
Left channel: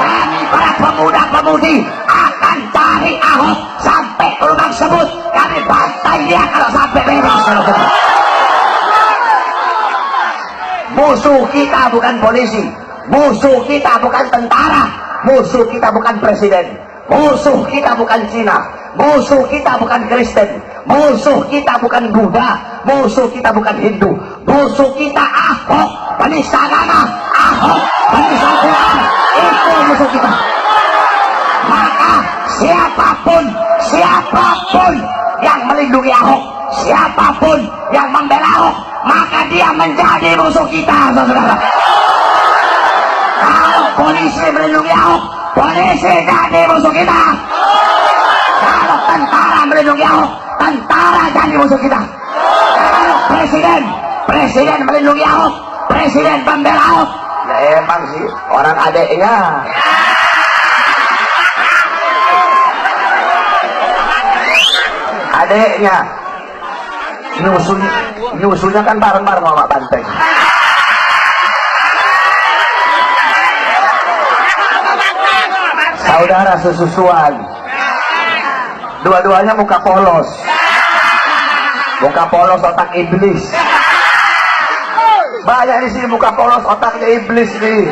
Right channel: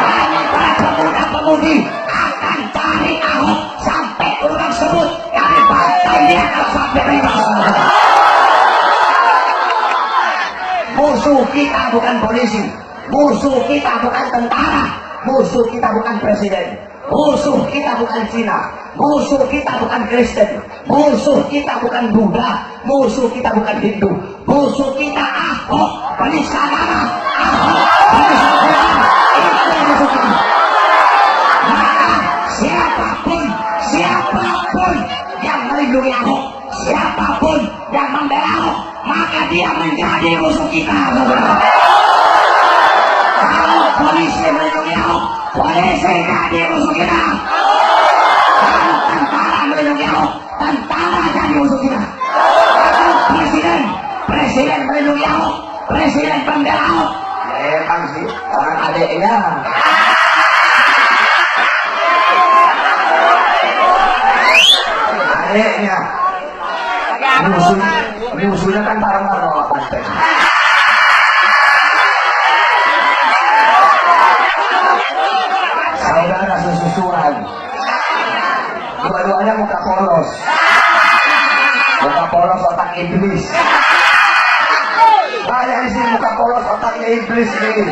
Kami para pemuda-pemudi akan cari Ahok sampai rumah sebut, kami bantai dia kalau sampai bebas. Musuh kita bukan polisi, musuh kita bukan tentara, musuh kita bukan presiden, musuh kita bukan Cina, musuh kita bukan Kristen, musuh kita bukan Buddha, musuh kita bukan Hindu, musuh kita Ahok, penista agama, Ahok, penista Quran, itu musuh kita. Maka siapapun yang melindungi Ahok, siapapun yang membela Ahok, maka dia menjadi musuh kita, saudara. Kalau polisi melindungi Ahok, polisi jadi musuh kita. Kalau tentara melindungi Ahok, tentara jadi musuh kita. Kalau presiden melindungi Ahok, presiden membela Ahok, ya emang sih orang adeknya. Adeknya nyusulnya kan bareng-bareng sama Banteng. Saudara sesusuan, dua-duanya muka polos. Muka polos otak iblis. Banyak di sini muka polos otaknya iblis nih.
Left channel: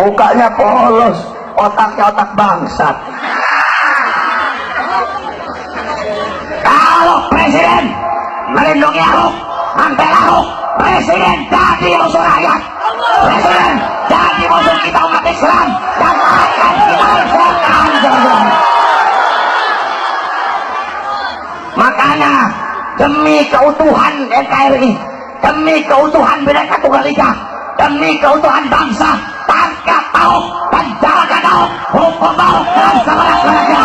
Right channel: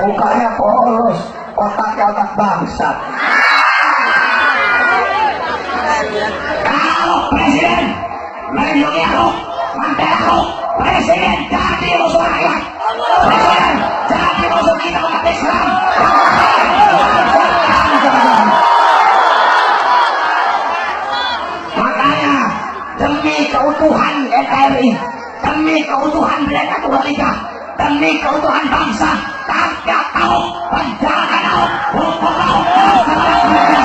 Mukanya polos, otaknya otak bangsat. Kalau presiden melindungi aku, hampir aku, presiden jadi musuh rakyat. Presiden jadi musuh kita umat Islam. Makanya demi keutuhan NKRI, demi keutuhan Bhinneka Tunggal Ika, demi keutuhan bangsa, tangkap Ahok, penjarakan Ahok, hukum Ahok, dan segala-galanya.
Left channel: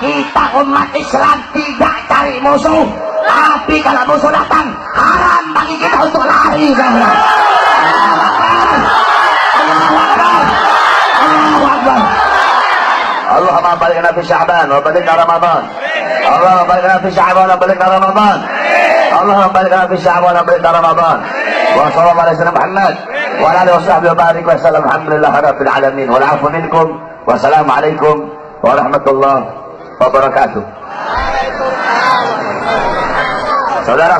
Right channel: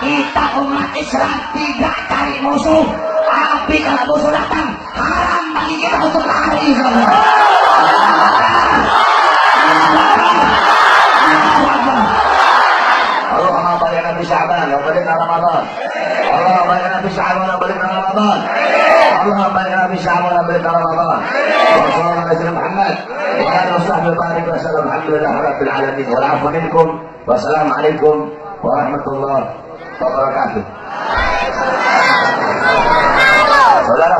Kita umat Islam tidak cari musuh, tapi kalau musuh datang, haram bagi kita untuk lari. Allahumma balikna fi Sya'ban wa balikna Ramadan. Allahumma balikna fi Sya'ban wa balikna Ramadan. Allahumma balikna fi Sya'ban wa balikna Ramadan. Wa sallallahu alaihi wasallam Muhammad wa ala alihi washabbihi wa barik wa sallam. Alhamdulillah rabbil alamin. Wal 'afwu minkum. Wassalamu alaikum warahmatullahi wabarakatuh. Saudara